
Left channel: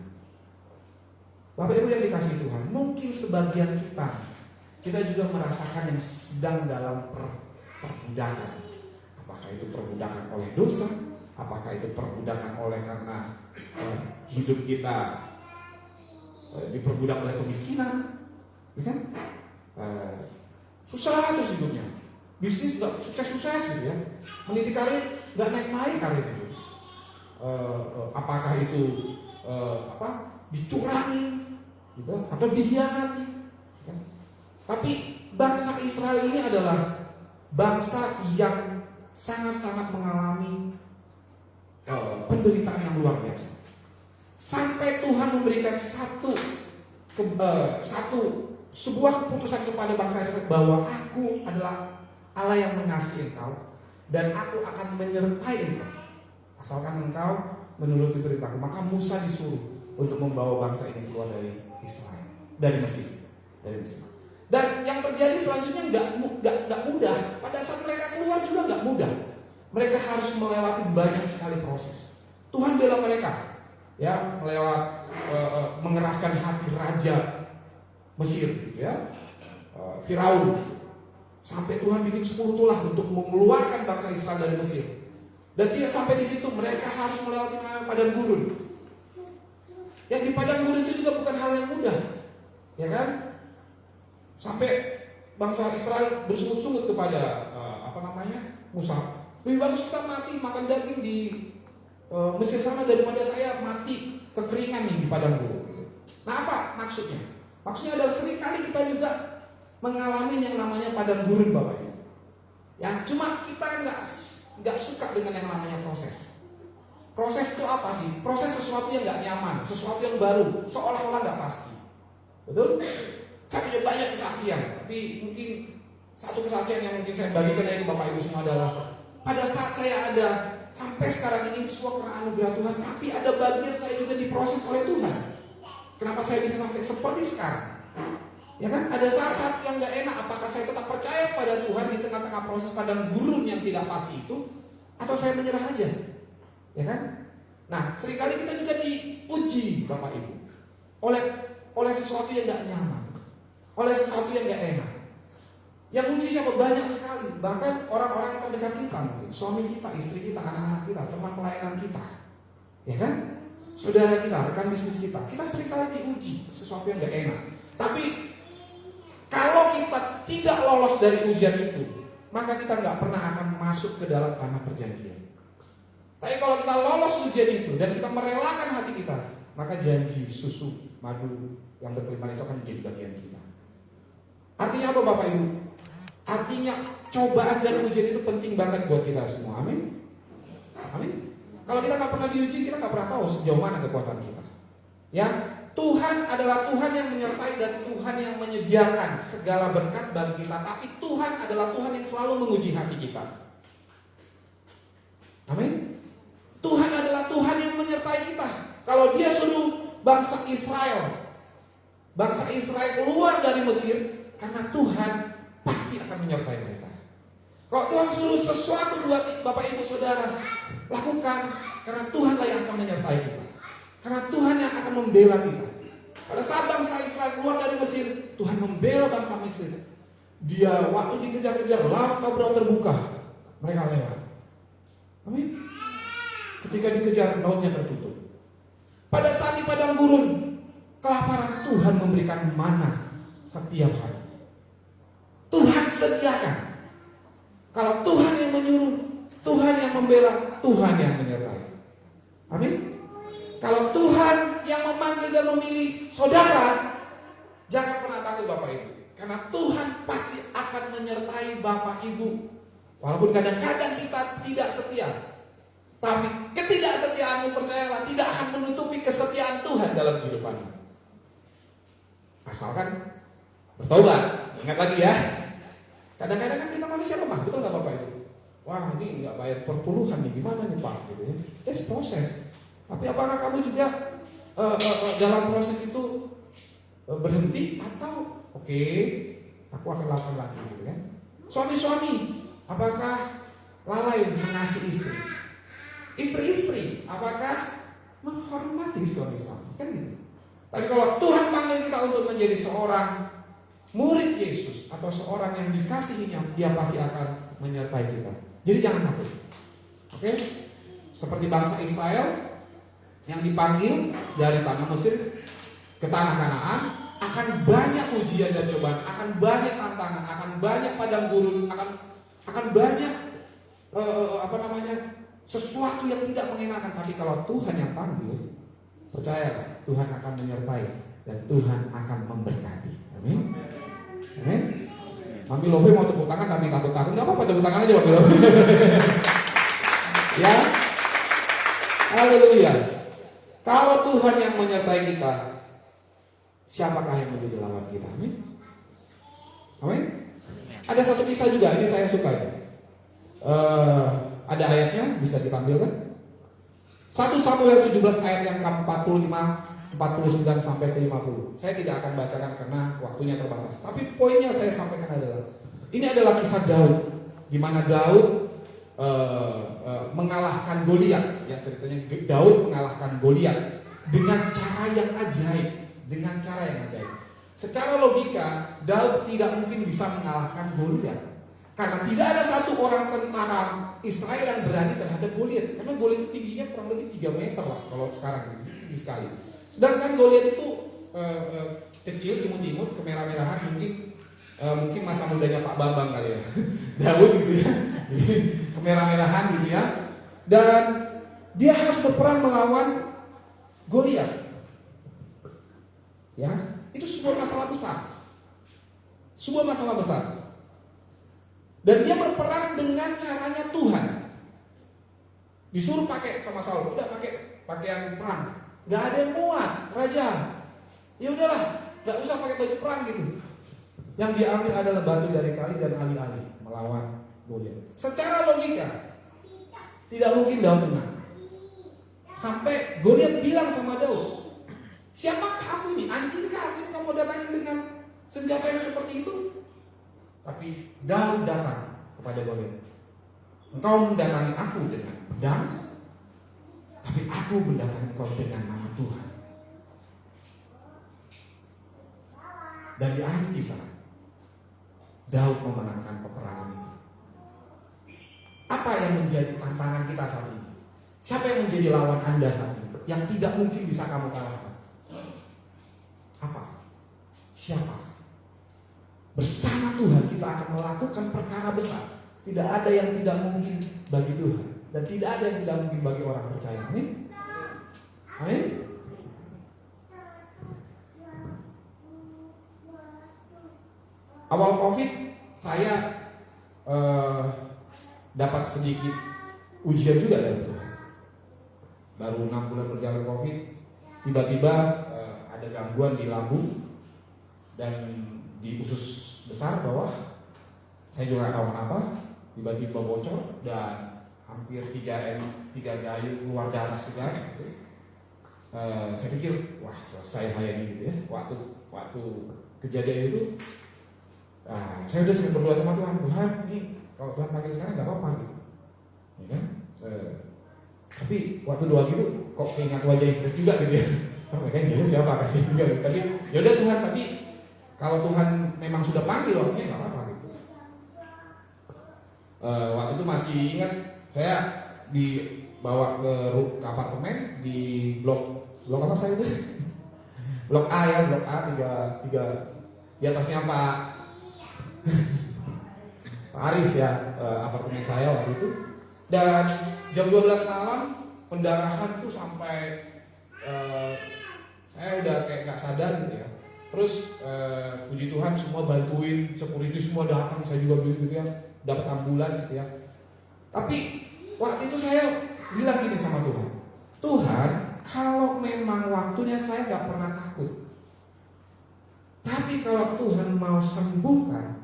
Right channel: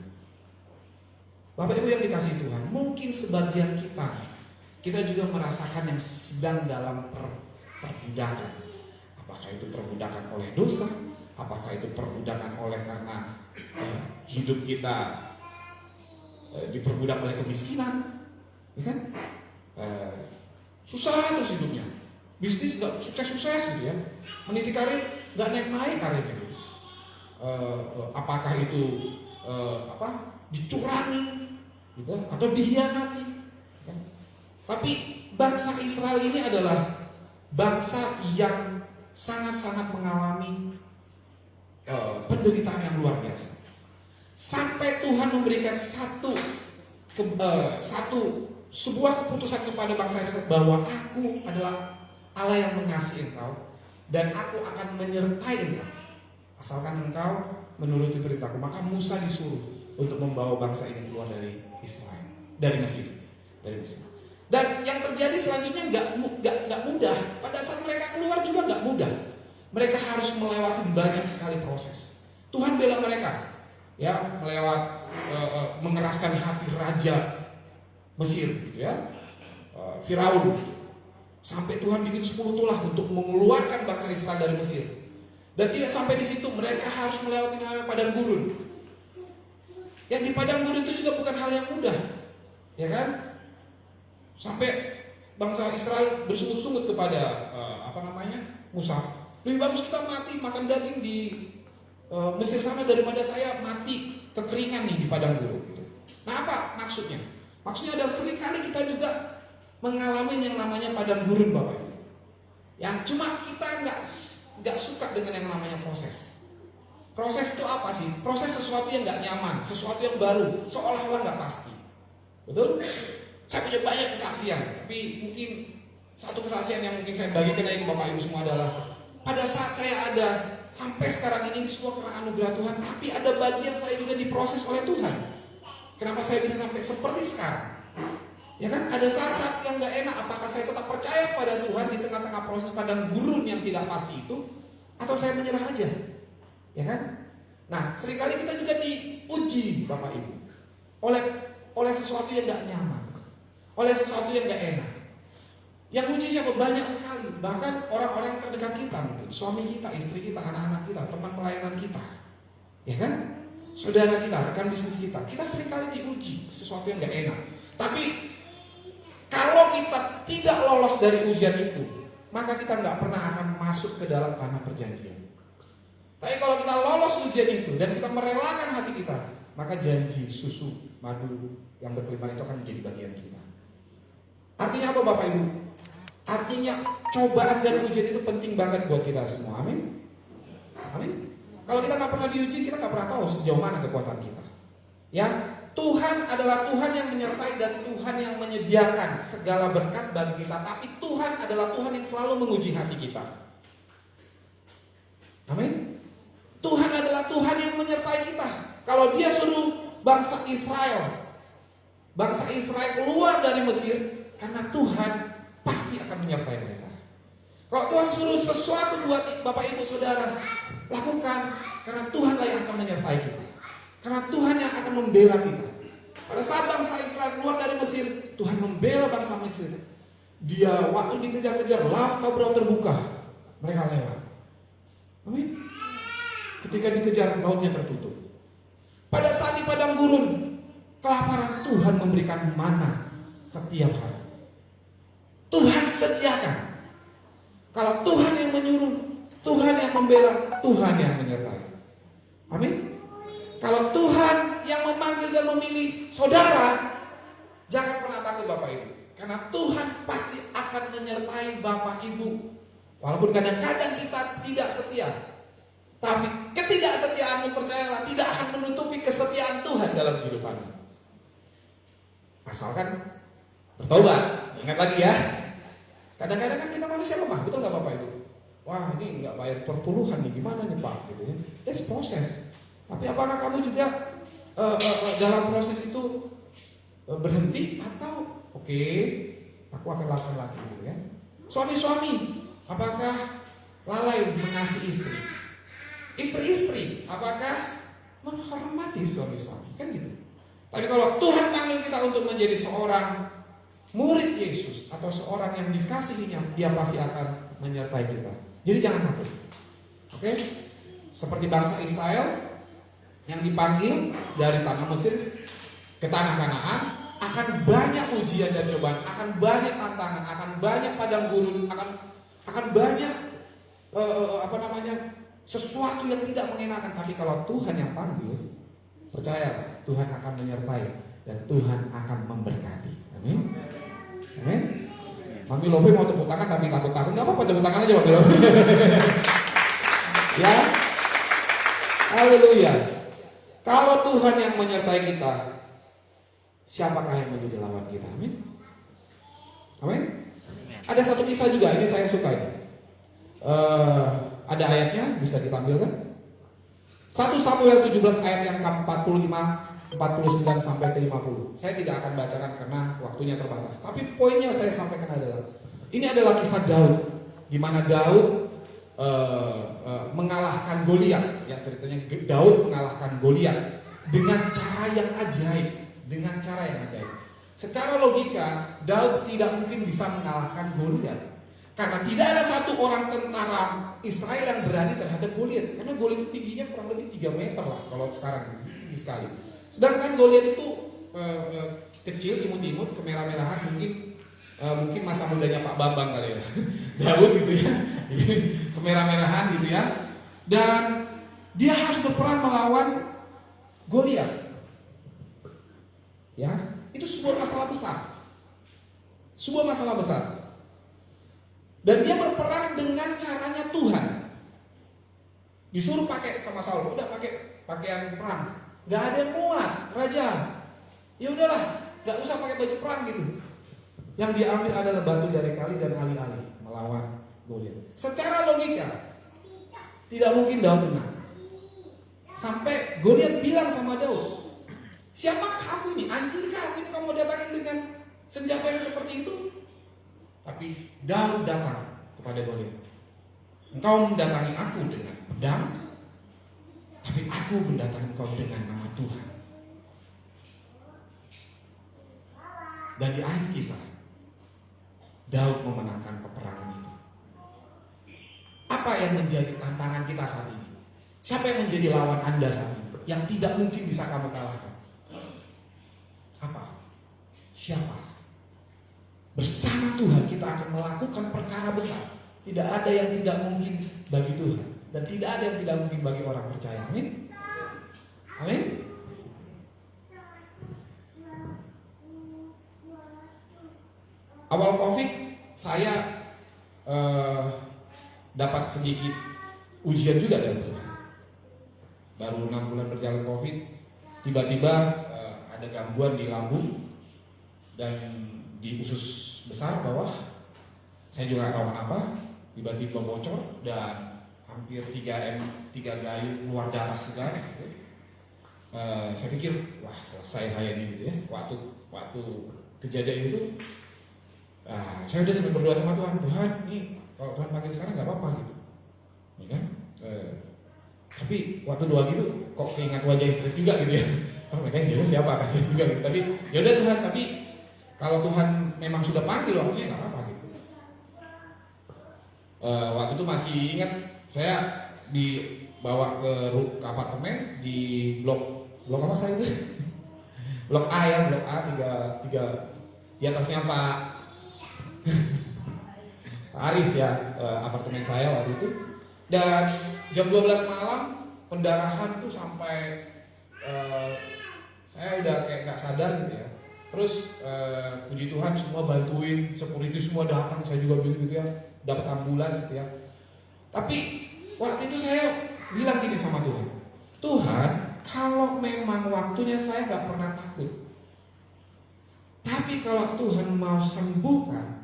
Bapak Ibu yang dikasihi Tuhan, mungkin sebagian kita juga merasakan yang sedang dalam perbudakan. Apakah itu perbudakan oleh dosa? Apakah itu perbudakan oleh karena hidup kita diperbudak oleh kemiskinan? Ya kan? Susah terus hidupnya. Bisnis nggak sukses-sukses gitu ya. Meniti karir nggak naik-naik karirnya gitu. Apakah itu dicurangi gitu, atau dihianati ya. Tapi bangsa Israel ini adalah bangsa yang sangat-sangat mengalami penderitaan yang luar biasa. Sampai Tuhan memberikan sebuah keputusan kepada bangsa Israel bahwa aku adalah Allah yang mengasihi engkau dan aku akan menyertai engkau asalkan engkau menuruti perintahku. Maka Musa disuruh untuk membawa bangsa ini keluar dari Israel, dari Mesir. Dan yang terjadi selanjutnya nggak mudah. Pada saat mereka keluar juga nggak mudah. Mereka harus melewati banyak sekali proses. Tuhan bela mereka, ya, melewat mengeraskan hati raja Mesir, gitu ya, Firaun, sampai Tuhan bikin 10 tulah untuk mengeluarkan bangsa Israel dari Mesir. Dan tidak sampai di situ, mereka harus melewati padang gurun. Yang di padang gurun itu juga bukan hal yang mudah, ya kan? Sampai bangsa Israel bersungut-sungut kepada Musa. Lebih bagus kita mati makan daging di Mesir sana daripada saya mati kekeringan nih di padang gurun. Nah, apa maksudnya? Maksudnya adalah seringkali kita juga mengalami yang namanya padang gurun, Bapak Ibu. Yang cuma kita nggak suka dengan yang namanya proses. Proses itu apa sih? Proses sesuatu yang nggak nyaman, sesuatu yang baru, seolah-olah nggak pasti. Betul? Saya punya banyak kesaksian, tapi mungkin satu kesaksian yang mungkin saya bagikan dari Bapak Ibu semua adalah pada saat saya ada sampai sekarang ini semua karena anugerah Tuhan, tapi ada bagian saya juga diproses oleh Tuhan. Kenapa saya bisa sampai seperti sekarang? Ya kan, ada saat-saat yang gak enak. Apakah saya tetap percaya pada Tuhan di tengah-tengah proses padang gurun yang tidak pasti itu, atau saya menyerah aja? Ya kan? Nah, seringkali kita juga diuji, Bapak Ibu, oleh sesuatu yang gak nyaman, oleh sesuatu yang gak enak. Yang uji siapa? Banyak sekali. Bahkan orang-orang terdekat kita, mungkin suami kita, istri kita, anak-anak kita, teman pelayanan kita, ya kan? Saudara kita, rekan bisnis kita. Kita seringkali diuji sesuatu yang gak enak. Tapi kalau kita tidak lolos dari ujian itu, maka kita nggak pernah akan masuk ke dalam tanah perjanjian. Tapi kalau kita lolos ujian itu dan kita merelakan hati kita, maka janji susu madu yang berkelimpahan itu akan menjadi bagian kita. Artinya apa, Bapak Ibu? Artinya cobaan dari ujian itu penting banget buat kita semua. Amin. Amin. Kalau kita nggak pernah diuji, kita nggak pernah tahu sejauh mana kekuatan kita. Ya, Tuhan adalah Tuhan yang menyertai dan Tuhan yang menyediakan segala berkat bagi kita. Tapi Tuhan adalah Tuhan yang selalu menguji hati kita. Amin. Tuhan adalah Tuhan yang menyertai kita. Kalau Dia suruh bangsa Israel keluar dari Mesir, karena Tuhan pasti akan menyertai mereka. Kalau Tuhan suruh sesuatu buat Bapak Ibu Saudara, lakukan, karena Tuhanlah yang akan menyertai kita. Karena Tuhan yang akan membela kita. Pada saat bangsa Israel keluar dari Mesir, Tuhan membela bangsa Mesir. Dia waktu dikejar-kejar, laut Tabra terbuka, mereka lewat. Amin. Ketika dikejar, lautnya tertutup. Pada saat di padang gurun, kelaparan, Tuhan memberikan mana setiap hari. Tuhan sediakan. Kalau Tuhan yang menyuruh, Tuhan yang membela, Tuhan yang menyertai. Amin. Kalau Tuhan yang memanggil dan memilih saudara, jangan pernah takut Bapak Ibu. Karena Tuhan pasti akan menyertai Bapak Ibu. Walaupun kadang-kadang kita tidak setia, tapi ketidaksetiaanmu, percayalah, tidak akan menutupi kesetiaan Tuhan dalam kehidupanmu. Asalkan bertobat. Ingat lagi ya, kadang-kadang kan kita manusia lemah, betul nggak Bapak Ibu? Wah, ini nggak bayar perpuluhan nih, gimana nih Pak? Gitu ya. It's proses. Tapi apakah kamu juga dalam proses itu berhenti atau oke, aku akan lakukan lagi, gitu kan? Suami-suami, apakah lalai mengasihi istri? Istri-istri, apakah menghormati suami-suami? Kan gitu. Tapi kalau Tuhan panggil kita untuk menjadi seorang murid Yesus atau seorang yang dikasihinya, dia pasti akan menyertai kita. Jadi jangan takut. Oke? Seperti bangsa Israel yang dipanggil dari tanah Mesir ke tanah Kanaan, akan banyak ujian dan cobaan, akan banyak tantangan, akan banyak padang gurun, akan banyak sesuatu yang tidak mengenakan. Tapi kalau Tuhan yang panggil, percaya Tuhan akan menyertai dan Tuhan akan memberkati. Amin. Amin. Mami Lofi mau tepuk tangan tapi takut-takut, nggak apa-apa, tepuk tangan aja Mami Lofi. Ya, haleluya. Kalau Tuhan yang menyertai kita, siapakah yang menjadi lawan kita? Amin. Amin. Ada satu kisah juga, ini saya suka ini. Ada ayatnya, bisa ditampilkan. 1 Samuel 17 ayat yang ke-45, 49 sampai ke 50. Saya tidak akan bacakan karena waktunya terbatas. Tapi poinnya saya sampaikan adalah, ini adalah kisah Daud, di mana Daud mengalahkan Goliat. Ya, ceritanya Daud mengalahkan Goliat dengan cara yang ajaib, Secara logika, Daud tidak mungkin bisa mengalahkan Goliat. Karena tidak ada satu orang tentara Israel yang berani terhadap Goliat. Karena Goliat itu tingginya kurang lebih 3 meter lah kalau sekarang tinggi sekali. Sedangkan Goliat itu kecil, imut-imut, kemerah-merahan, mungkin masa mudanya Pak Bambang kali ya. Daud gitu ya. Kemerah-merahan gitu ya. Dan dia harus berperang melawan Goliat. Ya, itu sebuah masalah besar. Dan dia berperang dengan caranya Tuhan. Disuruh pakai sama Saul, udah pakai pakaian perang. Gak ada yang muat, raja. Ya udahlah, gak usah pakai baju perang gitu. Yang diambil adalah batu dari kali dan alih-alih melawan Goliat. Secara logika, tidak mungkin Daud menang. Sampai Goliat bilang sama Daud, siapa kamu nih? Anjing kamu datangin dengan senjata yang seperti itu? Tapi Daud datang kepada Goliat. Engkau mendatangi aku dengan pedang, tapi aku mendatangi engkau dengan nama Tuhan. Dan di akhir kisah, Daud memenangkan peperangan itu. Apa yang menjadi tantangan kita saat ini? Siapa yang menjadi lawan Anda saat ini? Yang tidak mungkin bisa kamu kalahkan? Apa? Siapa? Bersama Tuhan kita akan melakukan perkara besar. Tidak ada yang tidak mungkin bagi Tuhan, dan tidak ada yang tidak mungkin bagi orang percaya. Amin. Amin. Awal Covid saya dapat sedikit ujian juga dari Tuhan. Baru 6 bulan berjalan Covid, tiba-tiba ada gangguan di lambung dan di usus besar bawah. Saya juga nggak tahu kenapa, tiba-tiba bocor dan hampir 3 gayu keluar darah segar. Saya pikir, wah selesai saya ini gitu ya. Waktu kejadian itu, saya udah sering berdoa sama Tuhan, ini kalau Tuhan panggil sekarang nggak apa-apa gitu, ya kan? Tapi waktu doa gitu, kok keingat wajah stres juga gitu ya. Mereka yang jelas siapa kasih juga gitu. Tapi yaudah Tuhan, tapi kalau Tuhan memang sudah panggil waktunya nggak apa-apa gitu. Waktu itu masih ingat, saya dibawa ke apartemen di blok apa saya itu? Blok A ya, blok A 3 di atasnya Pak Aris ya, apartemen saya waktu itu. Dan jam 12 malam pendarahan itu sampai saya udah kayak nggak sadar gitu ya. Terus puji Tuhan semua bantuin, security semua datang, saya juga begitu ya, dapat ambulans gitu ya. Tapi waktu itu saya bilang gini sama Tuhan, Tuhan, kalau memang waktunya saya nggak pernah takut, tapi kalau Tuhan mau sembuhkan,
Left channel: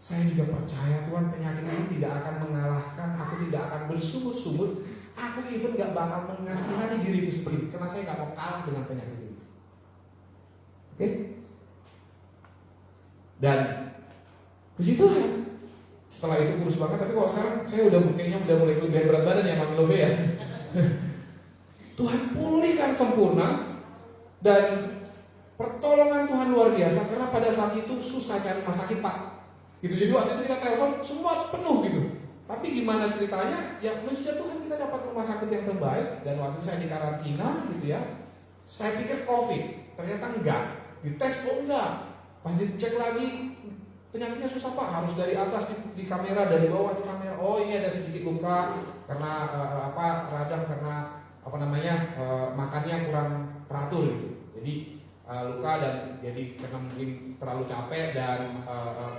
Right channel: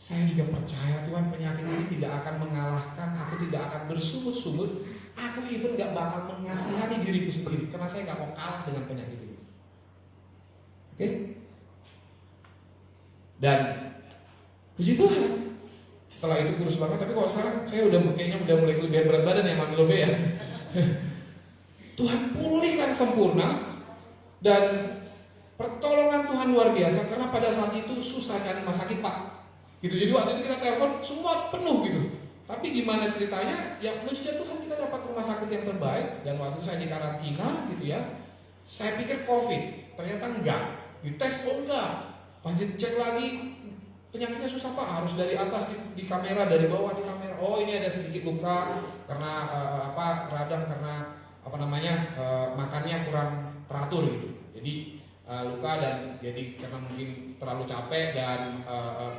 saya juga percaya Tuhan penyakit ini tidak akan mengalahkan, aku tidak akan bersungut-sungut, aku even gak bakal mengasihani diriku sendiri, karena saya gak mau kalah dengan penyakit ini. Oke? Dan puji Tuhan, setelah itu kurus banget, tapi kalau sekarang saya udah mulai kelebihan berat badan ya, Mami Love ya. Tuhan pulihkan sempurna dan pertolongan Tuhan luar biasa karena pada saat itu susah cari rumah sakit Pak. Gitu, jadi waktu itu kita telepon semua penuh gitu. Tapi gimana ceritanya? Ya mujizat Tuhan kita dapat rumah sakit yang terbaik dan waktu saya di karantina gitu ya. Saya pikir COVID, ternyata enggak. Dites kok enggak. Pas dicek lagi penyakitnya susah Pak, harus dari atas di kamera, dari bawah di kamera. Oh ini ada sedikit luka karena radang karena makannya kurang teratur gitu. Jadi luka dan jadi karena mungkin terlalu capek dan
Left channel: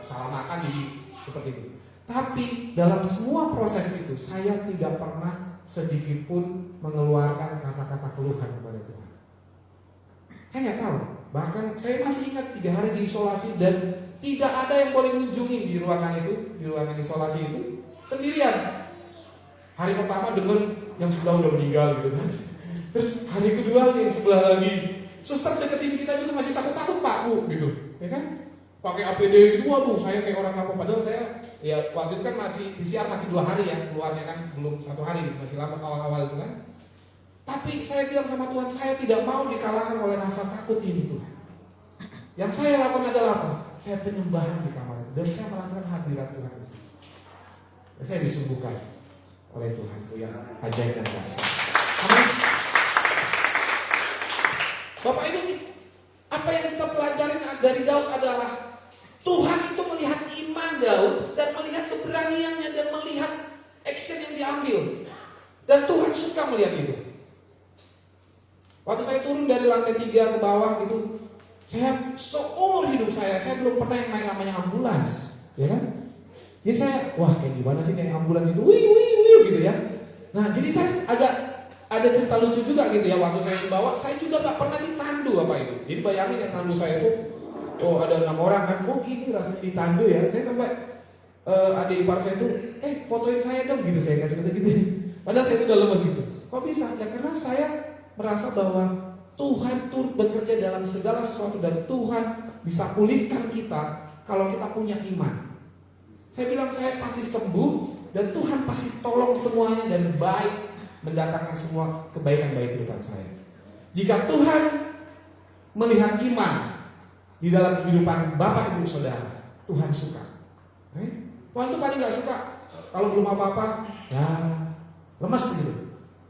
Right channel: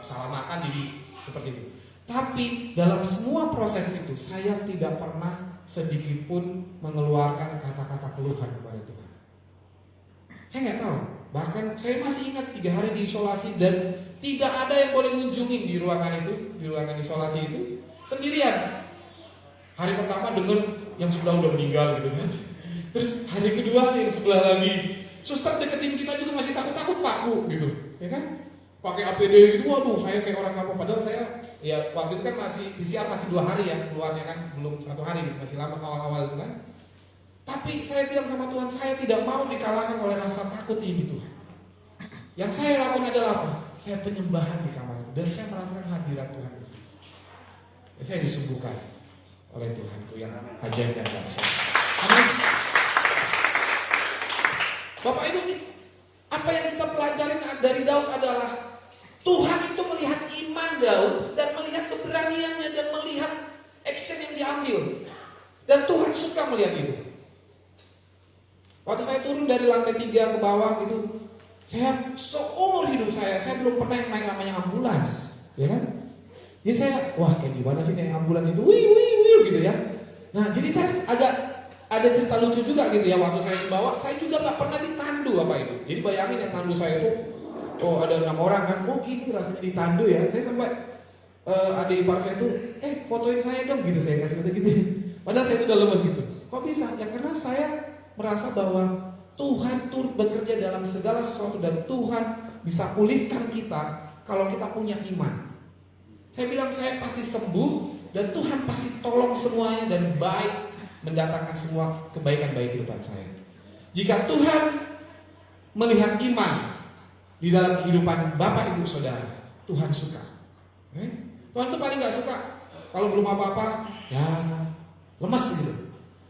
salah makan jadi seperti itu. Tapi dalam semua proses itu saya tidak pernah sedikit pun mengeluarkan kata-kata keluhan kepada Tuhan. Saya nggak tahu. Bahkan saya masih ingat 3 hari diisolasi dan tidak ada yang boleh mengunjungi di ruangan itu, di ruangan isolasi itu sendirian. Hari pertama dengan yang sebelah udah meninggal gitu kan. Terus hari kedua yang sebelah lagi. Suster deketin kita juga masih takut-takut Pak Bu gitu, ya kan? Pakai APD gitu, waduh saya kayak orang apa. Padahal saya ya waktu itu kan masih PCR masih 2 hari ya, keluarnya kan belum 1 hari, masih lama awal-awal itu kan. Tapi saya bilang sama Tuhan, saya tidak mau dikalahkan oleh rasa takut ini Tuhan. Yang saya lakukan adalah apa? Saya penyembahan di kamar itu dan saya merasakan hadirat Tuhan di situ. Ya, saya disembuhkan oleh Tuhan itu yang ajaib dan dahsyat. Amin. Bapak Ibu, apa yang kita pelajari dari Daud adalah Tuhan itu melihat iman Daud dan melihat keberaniannya dan melihat action yang diambil. Dan Tuhan suka melihat itu. Waktu saya turun dari lantai 3 ke bawah gitu, saya seumur hidup saya belum pernah yang naik namanya ambulans, ya kan? Jadi saya, wah kayak gimana sih naik ambulans itu, wih gitu ya. Nah jadi saya agak ada cerita lucu juga gitu ya, waktu saya dibawa, saya juga gak pernah ditandu apa itu. Jadi bayangin yang tandu saya itu, oh ada 6 orang kan, oh gini rasanya ditandu ya. Saya sampai adik ipar saya itu, fotoin saya dong gitu, saya kasih gitu. Padahal saya itu udah lemes gitu. Kok bisa? Ya karena saya merasa bahwa Tuhan turut bekerja dalam segala sesuatu dan Tuhan bisa pulihkan kita kalau kita punya iman. Saya bilang saya pasti sembuh dan Tuhan pasti tolong semuanya dan baik mendatangkan semua kebaikan baik kehidupan saya. Jika Tuhan melihat iman di dalam kehidupan Bapak Ibu Saudara, Tuhan suka. Tuhan tuh paling gak suka kalau belum apa-apa, ya lemes gitu.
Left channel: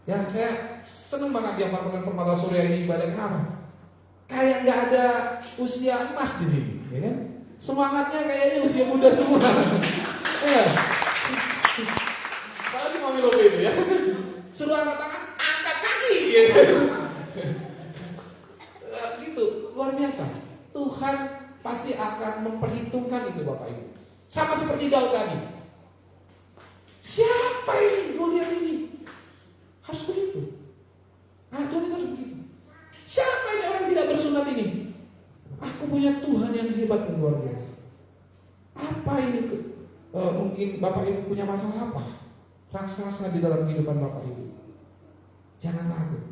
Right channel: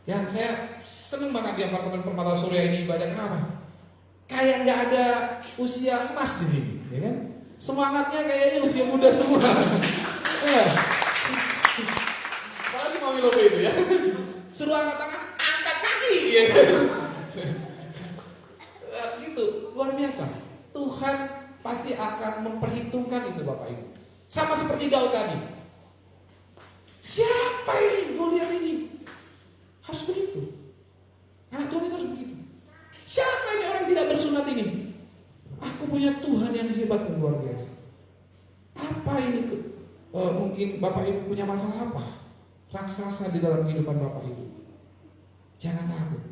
Ya saya seneng banget di apartemen Permata Surya ini ibadah. Kenapa? Kayak gak ada usia emas di sini, ya kan? Semangatnya kayaknya usia muda semua. Ya. Apalagi Mami Lobo itu ya. Suruh angkat tangan, angkat kaki gitu. Gitu, luar biasa. Tuhan pasti akan memperhitungkan itu Bapak Ibu. Sama seperti Daud tadi. Siapa ini Goliat ini? Harus begitu. Anak Tuhan harus begitu. Siapa ini orang tidak bersunat ini? Aku punya Tuhan yang hebat dan luar biasa. Apa ini? Mungkin Bapak Ibu punya masalah apa? Raksasa di dalam kehidupan Bapak Ibu. Jangan takut.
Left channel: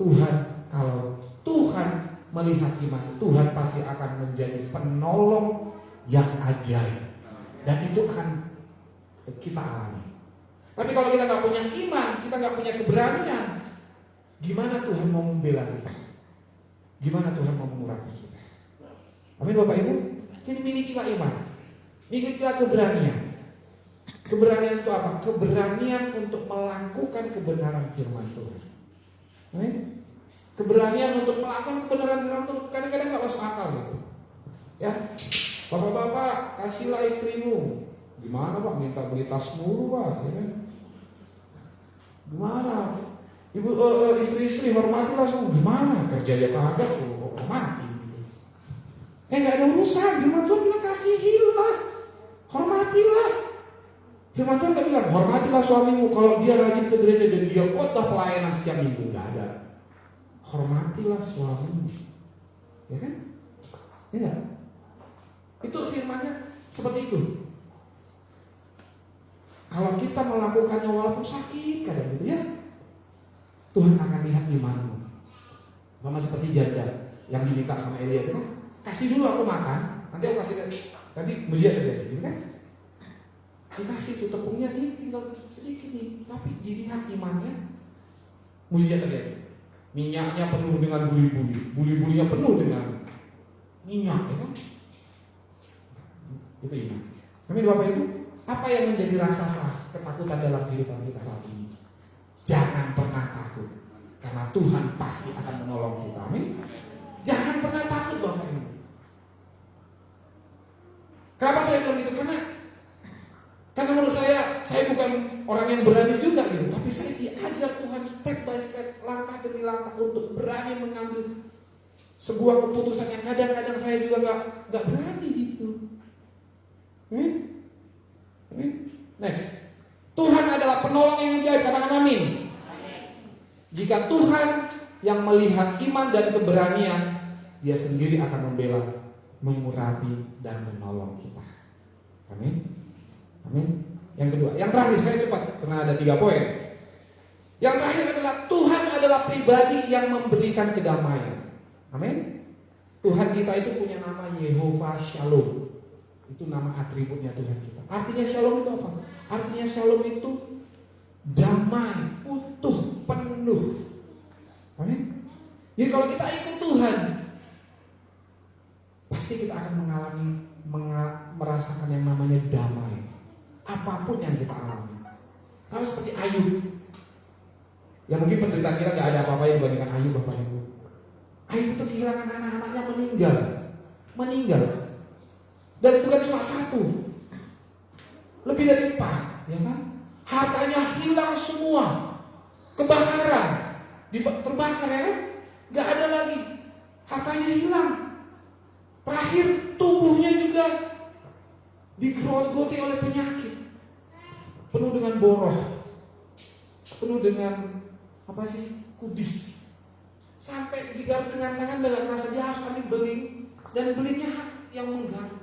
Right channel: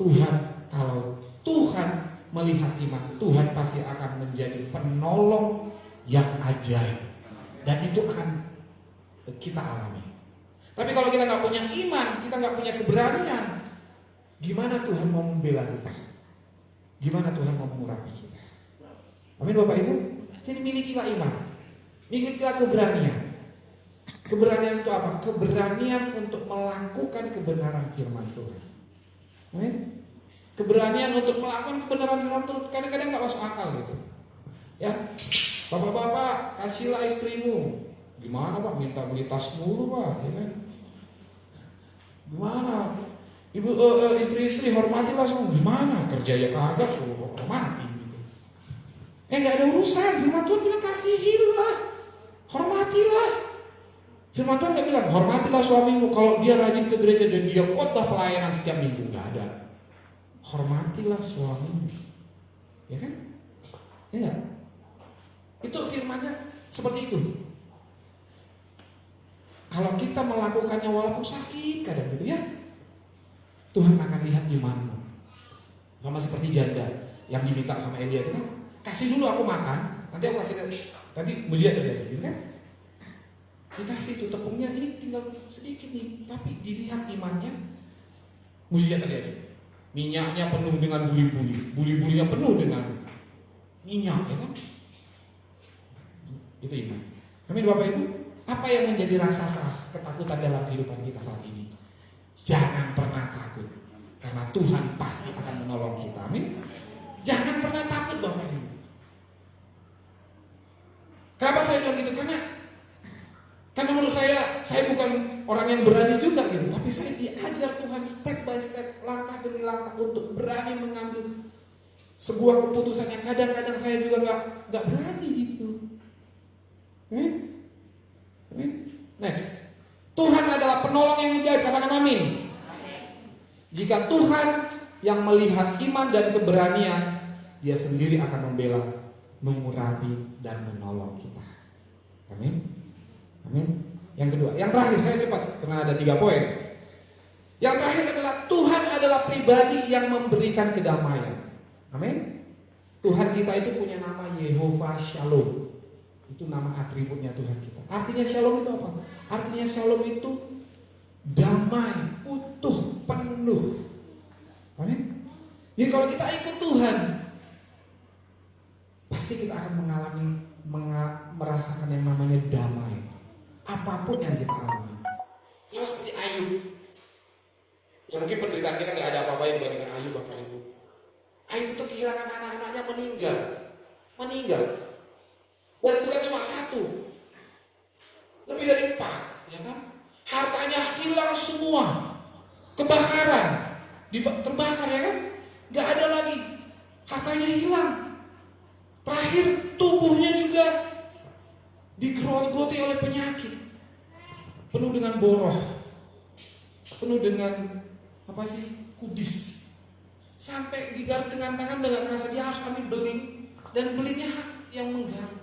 Tuhan, kalau Tuhan melihat iman, Tuhan pasti akan menjadi penolong yang ajaib. Dan itu akan kita alami. Tapi kalau kita nggak punya iman, kita nggak punya keberanian, gimana Tuhan mau membela kita? Gimana Tuhan mau mengurapi kita? Amin Bapak Ibu. Jadi milikilah iman, milikilah keberanian. Keberanian itu apa? Keberanian untuk melakukan kebenaran firman Tuhan. Keberanian untuk melakukan kebenaran firman Tuhan. Kadang-kadang nggak masuk akal gitu. Ya, bapak-bapak kasihlah istrimu. Gimana Pak? Minta beli tas mulu Pak, ya kan? Gimana? Ibu istri-istri hormatilah semua. Gimana? Kerja ya kagak, suruh hormati. Nggak ada urusan. Firman Tuhan bilang kasihilah, hormatilah. Firman Tuhan nggak bilang hormatilah suamimu kalau dia rajin ke gereja dan dia khotbah pelayanan setiap minggu. Nggak ada. Hormatilah suamimu, ya kan? Ya. Itu firmannya seperti itu. Kalau kita melakukannya walaupun sakit kadang gitu ya, Tuhan akan lihat imanmu. Sama seperti janda yang diminta sama Elia itu kan, kasih dulu aku makan, nanti aku kasih, nanti mujizat terjadi, gitu kan? Dikasih tuh tepungnya, ini tinggal sedikit nih, tapi dilihat imannya, mujizat terjadi. Minyaknya penuh dengan buli-bulinya penuh dengan nyinyok, ya kan? Itu iman. Amin Bapak Ibu. Apa yang menjadi raksasa ketakutan dalam kehidupan kita saat ini? Jangan pernah takut, karena Tuhan pasti akan menolong kita. Amin. Jangan pernah takut Bapak Ibu. Kenapa saya bilang gitu? Karena menurut saya bukan orang yang berani juga gitu, tapi saya diajar Tuhan step by step, langkah demi langkah untuk berani mengambil sebuah keputusan yang kadang-kadang saya juga nggak berani gitu. Next, Tuhan adalah penolong yang ajaib. Katakan amin. Jika Tuhan yang melihat iman dan keberanian, Dia sendiri akan membela, mengurapi dan menolong kita. Amin. Amin. Yang kedua, yang terakhir, saya cepat karena ada 3 poin. Yang terakhir adalah Tuhan adalah pribadi yang memberikan kedamaian. Amin. Tuhan kita itu punya nama Yehova Shalom. Itu nama atributnya Tuhan kita. Artinya Shalom itu apa? Artinya Shalom itu damai, utuh, penuh. Amin. Jadi kalau kita ikut Tuhan, pasti kita akan merasakan yang namanya damai. Apapun yang kita alami. Kalau seperti Ayub, ya mungkin penderitaan kita gak ada apa-apa yang dibandingkan Ayub Bapak Ibu. Ayub itu kehilangan anak-anaknya meninggal. Dan bukan cuma 1, lebih dari 4, ya kan? Hartanya hilang semua, kebakaran, terbakar, ya kan? Gak ada lagi, hartanya hilang. Terakhir tubuhnya juga digerogoti oleh penyakit, penuh dengan boroh, penuh dengan kudis, sampai digaruk dengan tangan dengan rasa dia harus ambil beling, dan belingnya yang menggaruk.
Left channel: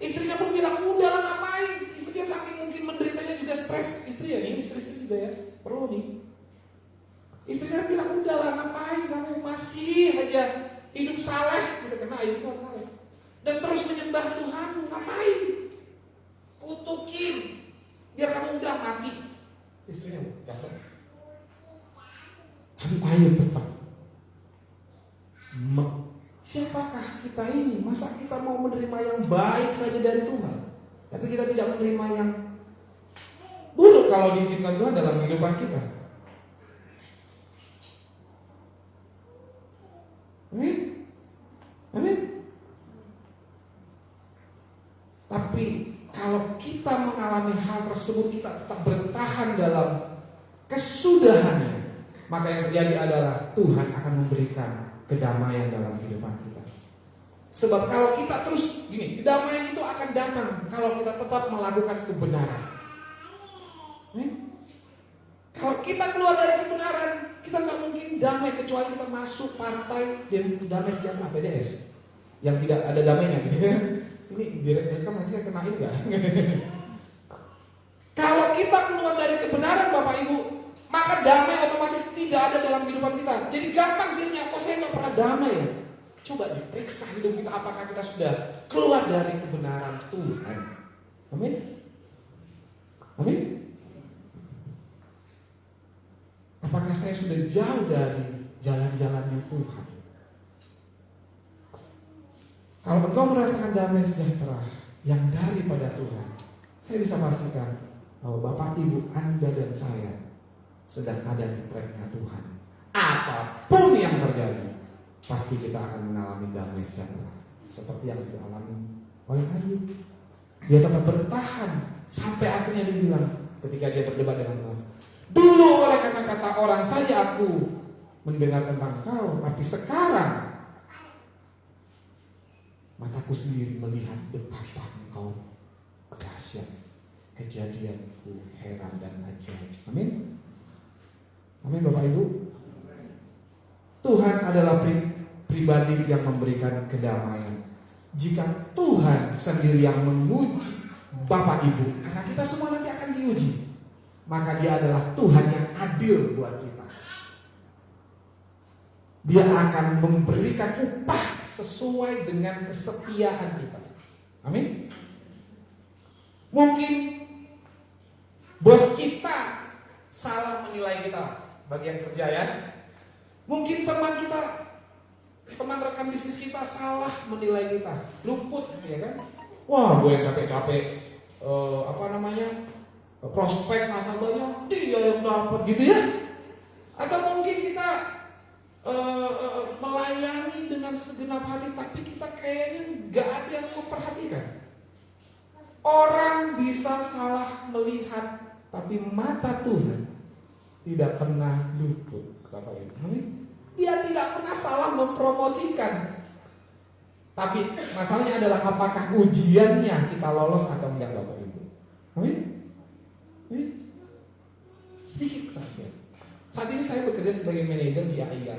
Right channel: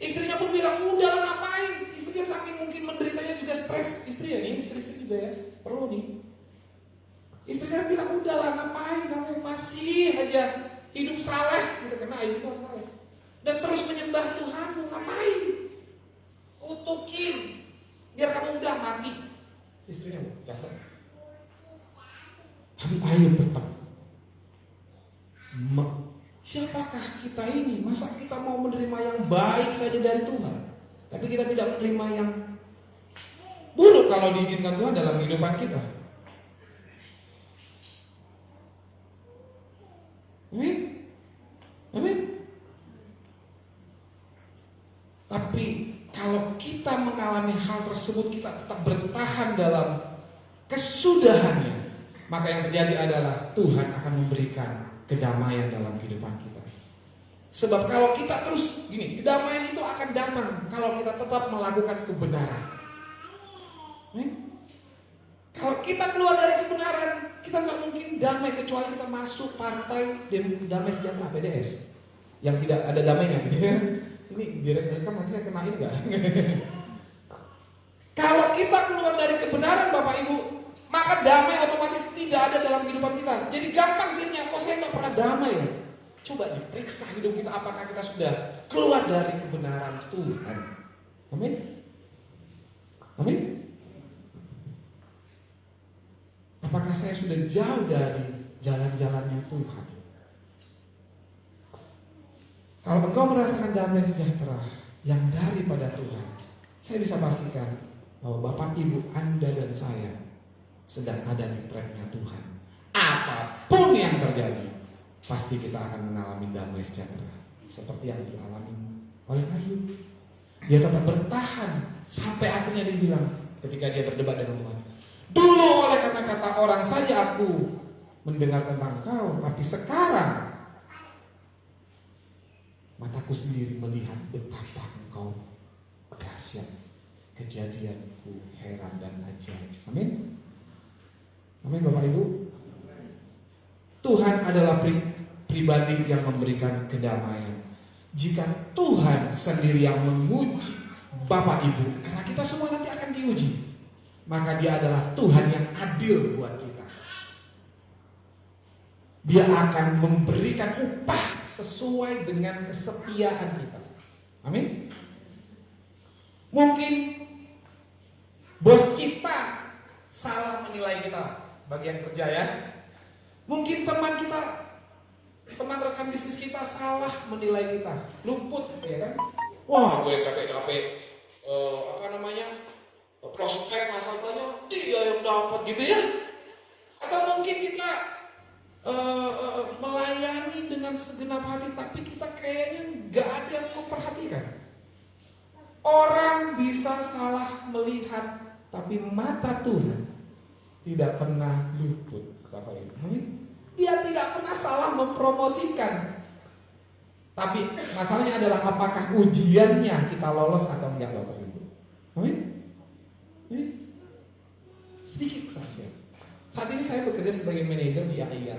Istrinya pun bilang, udahlah ngapain? Istrinya saking mungkin menderitanya juga stres. Istri juga ya, perlu nih. Istrinya bilang, udahlah ngapain kamu masih aja hidup saleh gitu, karena Ayub itu saleh. Dan terus menyembah Tuhanmu, ngapain? Kutukin biar kamu udah mati. Istrinya jatuh. Tapi Ayub tetap. Siapakah kita ini? Masa kita mau menerima yang baik saja dari Tuhan, tapi kita tidak menerima yang buruk kalau diizinkan Tuhan dalam kehidupan kita? Amin. Tapi kalau kita mengalami hal tersebut, kita tetap bertahan dalam kesudahannya, maka yang terjadi adalah Tuhan akan memberikan kedamaian dalam kehidupan kita. Sebab kalau kita terus gini, kedamaian itu akan datang kalau kita tetap melakukan kebenaran. Kalau kita keluar dari kebenaran, kita nggak mungkin damai kecuali kita masuk partai damai sejahtera PDS yang tidak ada damainya gitu ya. Ini direkam nanti saya kenain nggak? Kalau kita keluar dari kebenaran Bapak Ibu, maka damai otomatis tidak ada dalam kehidupan kita. Jadi gampang jadinya, kok saya nggak pernah damai ya? Coba diperiksa hidup kita, apakah kita sudah keluar dari kebenaran Tuhan. Amin. Amin. Apakah saya sudah jauh dari jalan-jalannya Tuhan? Kalau engkau merasakan damai sejahtera yang daripada Tuhan, saya bisa pastikan bahwa Bapak Ibu Anda dan saya sedang ada di tracknya Tuhan. Apapun yang terjadi, pasti kita akan mengalami damai sejahtera seperti yang dialami oleh Ayub. Dia tetap bertahan sampai akhirnya dibilang ketika dia berdebat dengan Tuhan, dulu oleh kata-kata orang saja aku mendengar tentang kau, tapi sekarang mataku sendiri melihat betapa engkau dahsyat, kejadianku heran dan ajaib. Amin. Amin Bapak Ibu. Tuhan adalah pribadi yang memberikan kedamaian. Jika Tuhan sendiri yang menguji Bapak Ibu, karena kita semua nanti akan diuji, maka Dia adalah Tuhan yang adil buat kita. Dia akan memberikan upah sesuai dengan kesetiaan kita. Amin. Mungkin bos kita salah menilai kita bagian kerja ya. Mungkin teman kita teman rekan bisnis kita salah menilai kita, luput, ya kan? Wah, gue yang capek-capek, prospek masa banyak, dia yang dapat gitu ya? Atau mungkin kita melayani dengan segenap hati, tapi kita kayaknya nggak ada yang memperhatikan. Orang bisa salah melihat, tapi mata Tuhan tidak pernah luput. Bapak Ibu, dia tidak pernah salah mempromosikan. Tapi masalahnya adalah apakah ujiannya kita lolos atau enggak, Bapak Ibu. Amin. Sedikit saja. Saat ini saya bekerja sebagai manajer di AIA.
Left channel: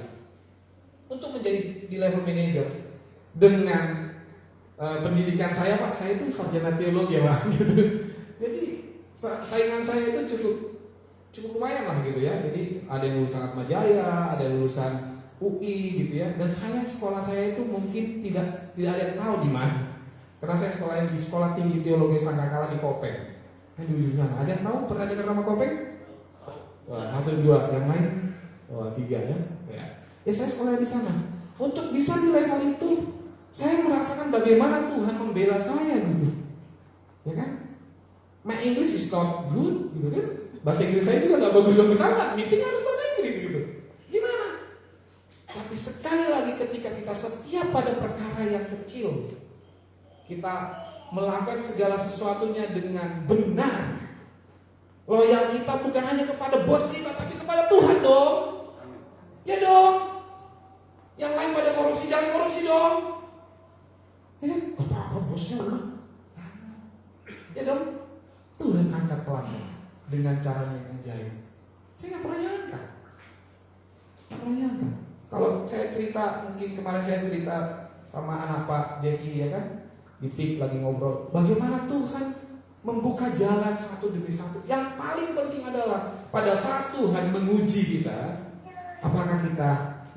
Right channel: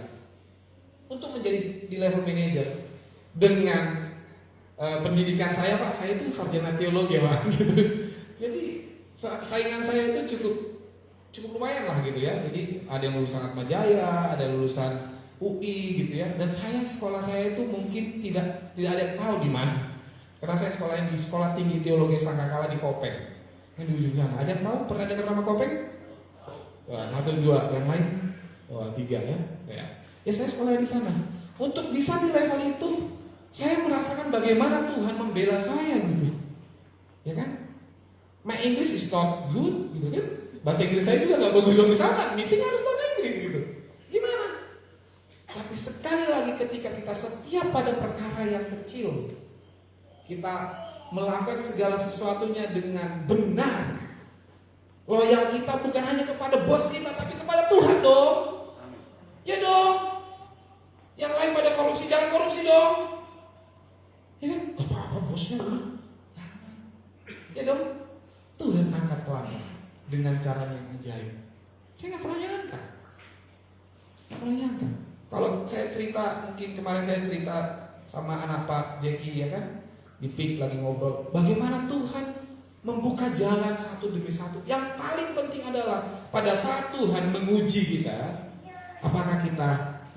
Untuk menjadi di level manajer dengan pendidikan saya, Pak, saya itu sarjana teologi ya, Pak. Gitu. Jadi saingan saya itu cukup lumayan lah gitu ya. Jadi ada yang lulusan Atmajaya, ada yang lulusan UI gitu ya. Dan sekolah saya itu mungkin tidak ada yang tahu di mana. Karena saya sekolahnya di Sekolah Tinggi Teologi Sangkakala di Kopeng. Yang di ujung sana. Ada yang tahu? Pernah dengar nama Kopeng? Wah, 1, 2, yang lain? Wah, 3 ya. Ya saya sekolah di sana. Untuk bisa di level itu, saya merasakan bagaimana Tuhan membela saya gitu. Ya kan? My English is not good gitu kan? Bahasa Inggris saya juga gak bagus-bagus amat. Meeting harus bahasa Inggris gitu. Gimana? Tapi sekali lagi ketika kita setia pada perkara yang kecil, kita melakukan segala sesuatunya dengan benar. Loyal kita bukan hanya kepada bos kita, tapi kepada Tuhan dong. Ya dong. Yang lain pada korupsi, jangan korupsi dong. Ya kan? Gak apa-apa bosnya loh. Ya dong. Tuhan angkat pelanggan dengan cara yang ajaib. Saya gak pernah nyangka. Kalau saya cerita, mungkin kemarin saya cerita sama anak Pak Jackie ya kan, di PIK lagi ngobrol, bagaimana Tuhan membuka jalan satu demi satu. Yang paling penting adalah pada saat Tuhan menguji kita, apakah kita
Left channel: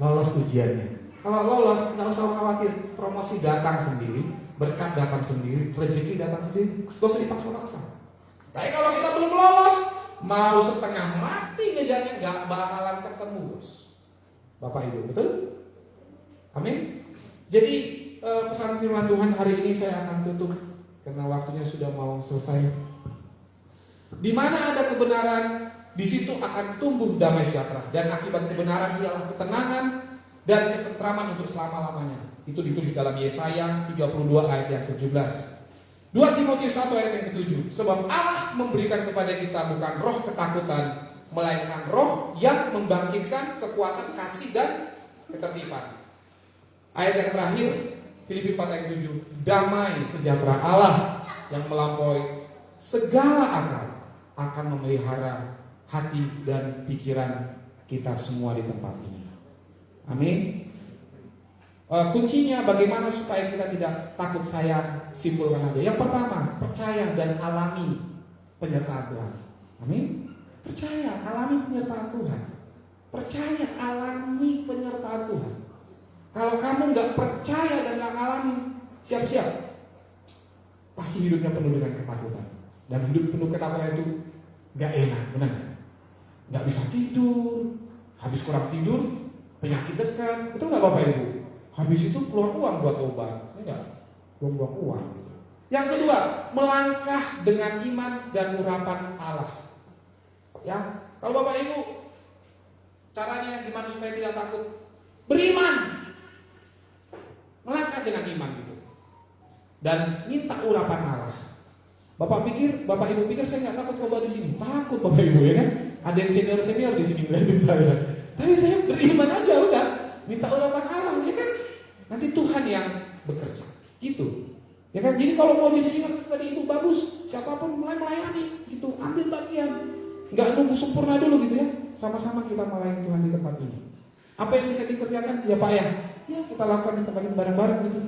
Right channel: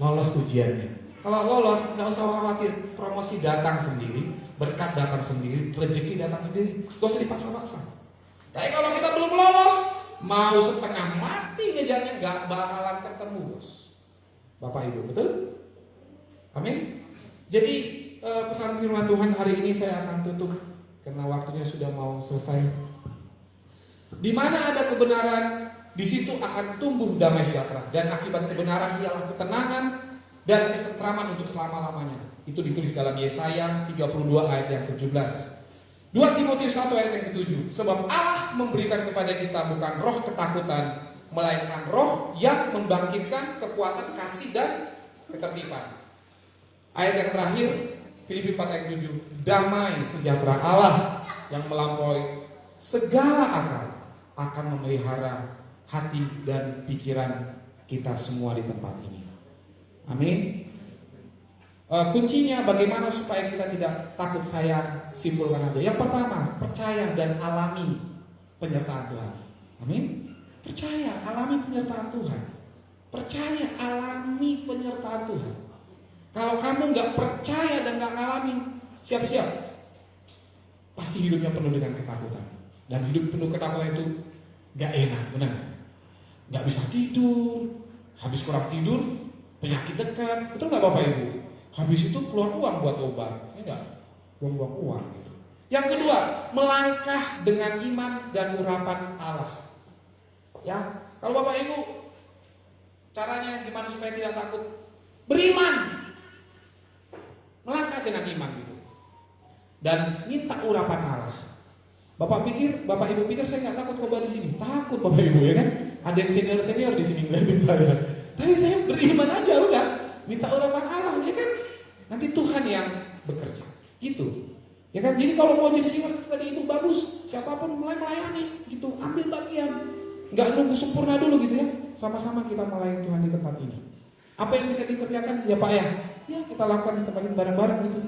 lolos ujiannya. Kalau lolos, nggak usah khawatir, promosi datang sendiri, berkat datang sendiri, rezeki datang sendiri, gak usah dipaksa-paksa. Tapi kalau kita belum lolos, mau setengah mati ngejarnya, nggak bakalan ketemu bos. Bapak Ibu, betul? Amin. Jadi pesan firman Tuhan hari ini saya akan tutup karena waktunya sudah mau selesai. Di mana ada kebenaran, di situ akan tumbuh damai sejahtera, dan akibat kebenaran ialah ketenangan dan ketentraman untuk selama-lamanya. Itu ditulis dalam Yesaya 32 ayat yang ke-17. 2 Timotius 1 ayat yang ke-7. Sebab Allah memberikan kepada kita bukan roh ketakutan, melainkan roh yang membangkitkan kekuatan kasih dan ketertiban. Ayat yang terakhir, Filipi 4 ayat 7. Damai sejahtera Allah yang melampaui segala akal akan memelihara hati dan pikiran kita semua di tempat ini. Amin. Kuncinya bagaimana supaya kita tidak takut, saya simpulkan aja. Yang pertama, percaya dan alami penyertaan Tuhan. Amin. Percaya, alami penyertaan Tuhan. Percaya, alami penyertaan Tuhan. Kalau kamu nggak percaya dan nggak alami, siap-siap pasti hidupnya penuh dengan ketakutan. Dan hidup penuh ketakutan itu nggak enak, benar? Nggak bisa tidur, habis kurang tidur, penyakit dekat, betul nggak Bapak Ibu? Habis itu keluar uang buat obat, ya nggak? Buang-buang uang. Gitu. Yang kedua, melangkah dengan iman dan urapan Allah. Ya, kalau Bapak Ibu, caranya gimana supaya tidak takut? Beriman, melangkah dengan iman gitu, dan minta urapan Allah. Bapak Ibu pikir saya nggak takut coba di sini? Takut Bapak Ibu ya kan? Ada yang senior di sini ngeliatin saya. Tapi saya beriman aja udah, minta urapan Allah ya kan? Nanti Tuhan yang bekerja. Gitu. Ya kan? Jadi kalau mau jadi singa tadi itu bagus, siapapun mulai melayani gitu, ambil bagian. Enggak nunggu sempurna dulu gitu ya. Sama-sama kita melayani Tuhan di tempat ini. Apa yang bisa dikerjakan? Ya Pak ya. Ya kita lakukan di tempat ini bareng-bareng gitu.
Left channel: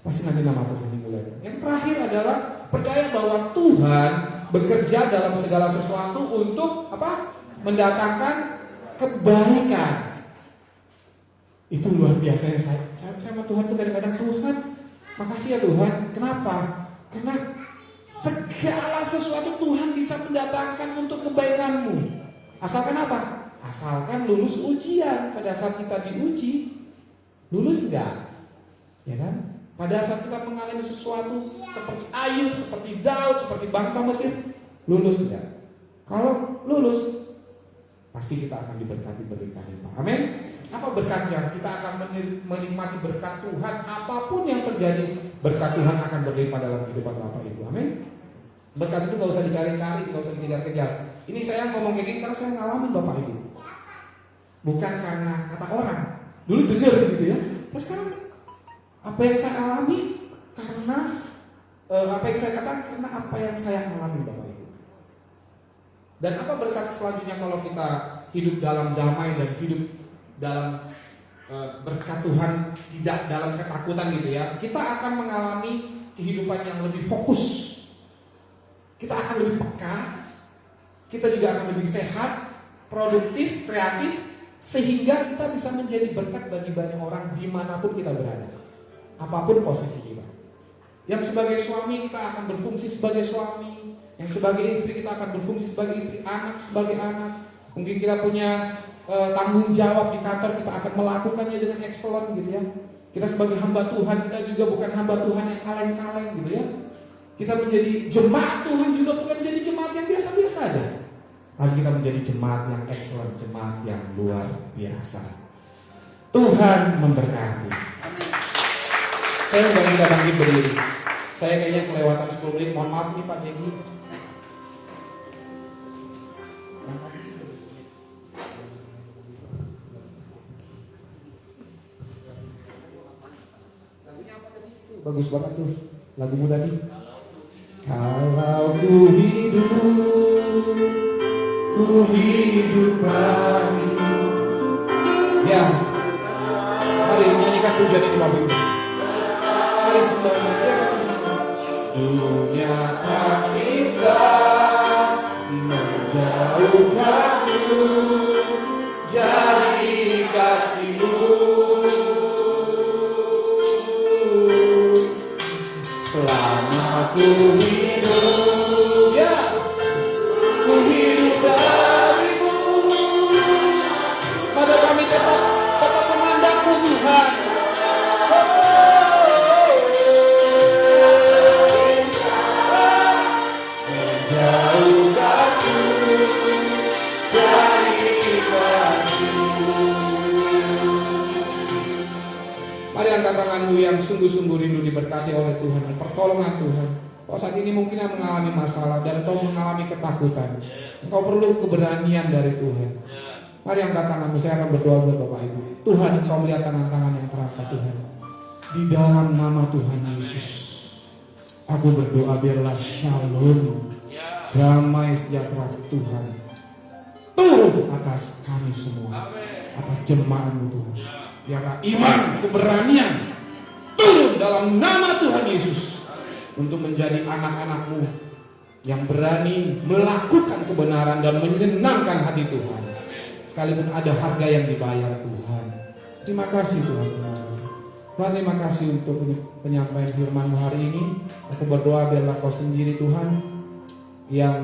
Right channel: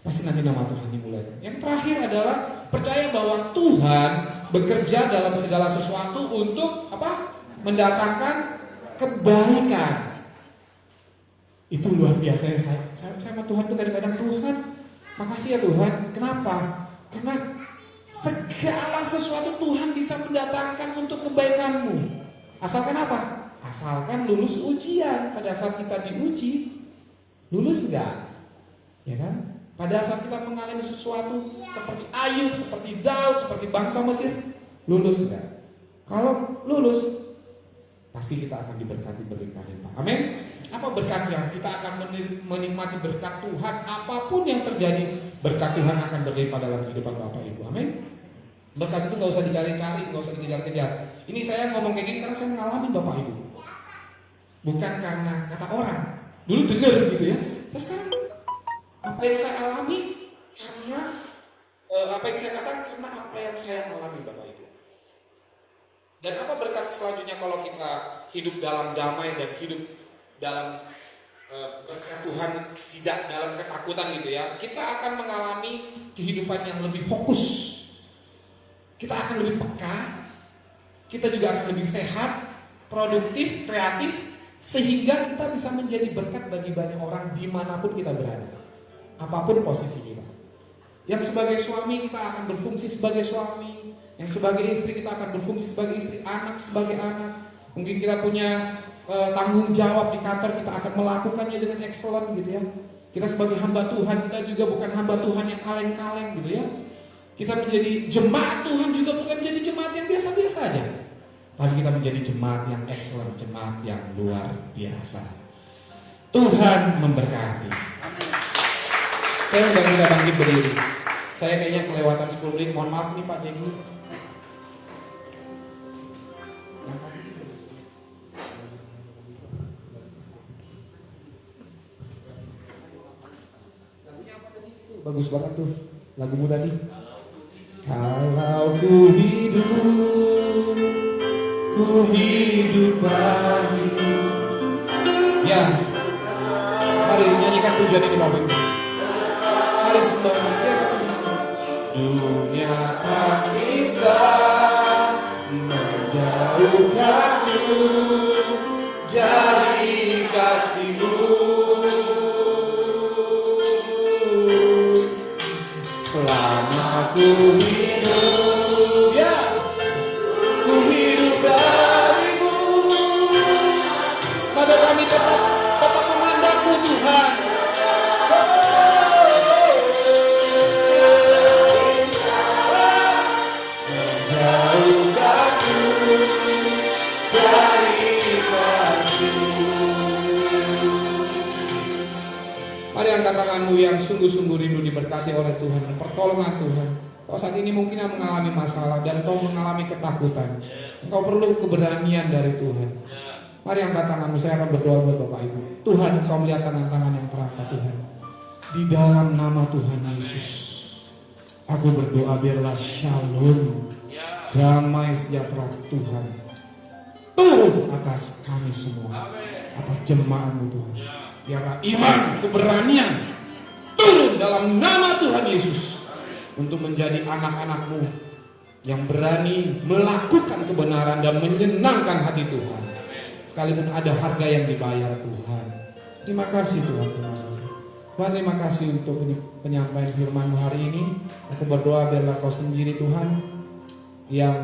Pasti nanti nama Tuhan dimulai. Yang terakhir adalah percaya bahwa Tuhan bekerja dalam segala sesuatu untuk apa? Mendatangkan kebaikan. Itu luar biasa. Saya sama Tuhan itu kadang-kadang, Tuhan makasih ya Tuhan. Kenapa? Karena segala sesuatu Tuhan bisa mendatangkan untuk kebaikanmu. Asalkan apa? Asalkan lulus ujian. Pada saat kita diuji, Lulus enggak? Ya kan? Pada saat kita mengalami sesuatu seperti Ayub, seperti Daud, seperti bangsa Mesir, lulus enggak? Kalau lulus, pasti kita akan diberkati berlimpah. Amin. Apa berkatnya? Kita akan menikmati berkat Tuhan. Apapun yang terjadi, berkat Tuhan akan berlimpah dalam kehidupan Bapak Ibu. Amin. Berkat itu gak usah dicari-cari, gak usah dikejar-kejar. Ini saya ngomong kayak gini karena saya ngalamin Bapak Ibu. Bukan karena kata orang. Dulu dengar gitu ya. Terus sekarang apa yang saya alami karena apa yang saya katakan karena apa yang saya alami Bapak Ibu. Dan apa berkat selanjutnya kalau kita hidup dalam damai dan hidup dalam berkat Tuhan, tidak dalam ketakutan gitu ya. Kita akan mengalami kehidupan yang lebih fokus. Kita akan lebih peka. Kita juga akan lebih sehat, produktif, kreatif, sehingga kita bisa menjadi berkat bagi banyak orang dimanapun kita berada, apapun posisi kita. Yang sebagai suami kita akan berfungsi sebagai suami, yang sebagai istri kita akan berfungsi sebagai istri, anak sebagai anak. Mungkin kita punya tanggung jawab di kantor, kita akan melakukannya dengan excellent gitu ya. Kita sebagai hamba Tuhan, kita juga bukan hamba Tuhan yang kaleng-kaleng gitu ya. Kita menjadi jemaat Tuhan juga bukan menjadi jemaat yang biasa-biasa aja, tapi kita menjadi jemaat yang excellent, jemaat yang luar biasa. Tuhan memberkati. Saya nggak bisa bangkit berdiri. Saya kayaknya kelewatan 10 menit. Mohon maaf nih Pak Jenggi. Lagunya apa tadi? Bagus banget tuh lagumu tadi. Kalau ku hidup bagimu. Ya, mari nyanyikan pujian ini Bapak Ibu. Mari semuanya. Dunia tak bisa menjauhkanmu dari kasih-Mu. Selama ku hidup, ya, ku hidup bagimu. Maka kami tetap memandang-Mu Tuhan. Menjauhkanku dari kasih-Mu. Mari angkat tanganmu yang sungguh-sungguh rindu diberkati oleh Tuhan, pertolongan Tuhan. Kau saat ini mungkin mengalami masalah dan kau mengalami ketakutan. Engkau perlu keberanian dari Tuhan. Mari angkat tanganmu, saya akan berdoa buat Bapak Ibu. Tuhan, Engkau melihat tangan-tangan yang terangkat Tuhan. Di dalam nama Tuhan Yesus, aku berdoa biarlah shalom, damai sejahtera Tuhan turun atas kami semua, atas jemaat-Mu Tuhan. Biarlah iman, keberanian turun dalam nama Tuhan Yesus untuk menjadi anak-anak-Mu yang berani melakukan kebenaran dan menyenangkan hati Tuhan, sekalipun ada harga yang dibayar Tuhan. Terima kasih Tuhan, terima kasih Tuhan, terima kasih untuk penyampaian firman-Mu hari ini. Aku berdoa biarlah Kau sendiri Tuhan yang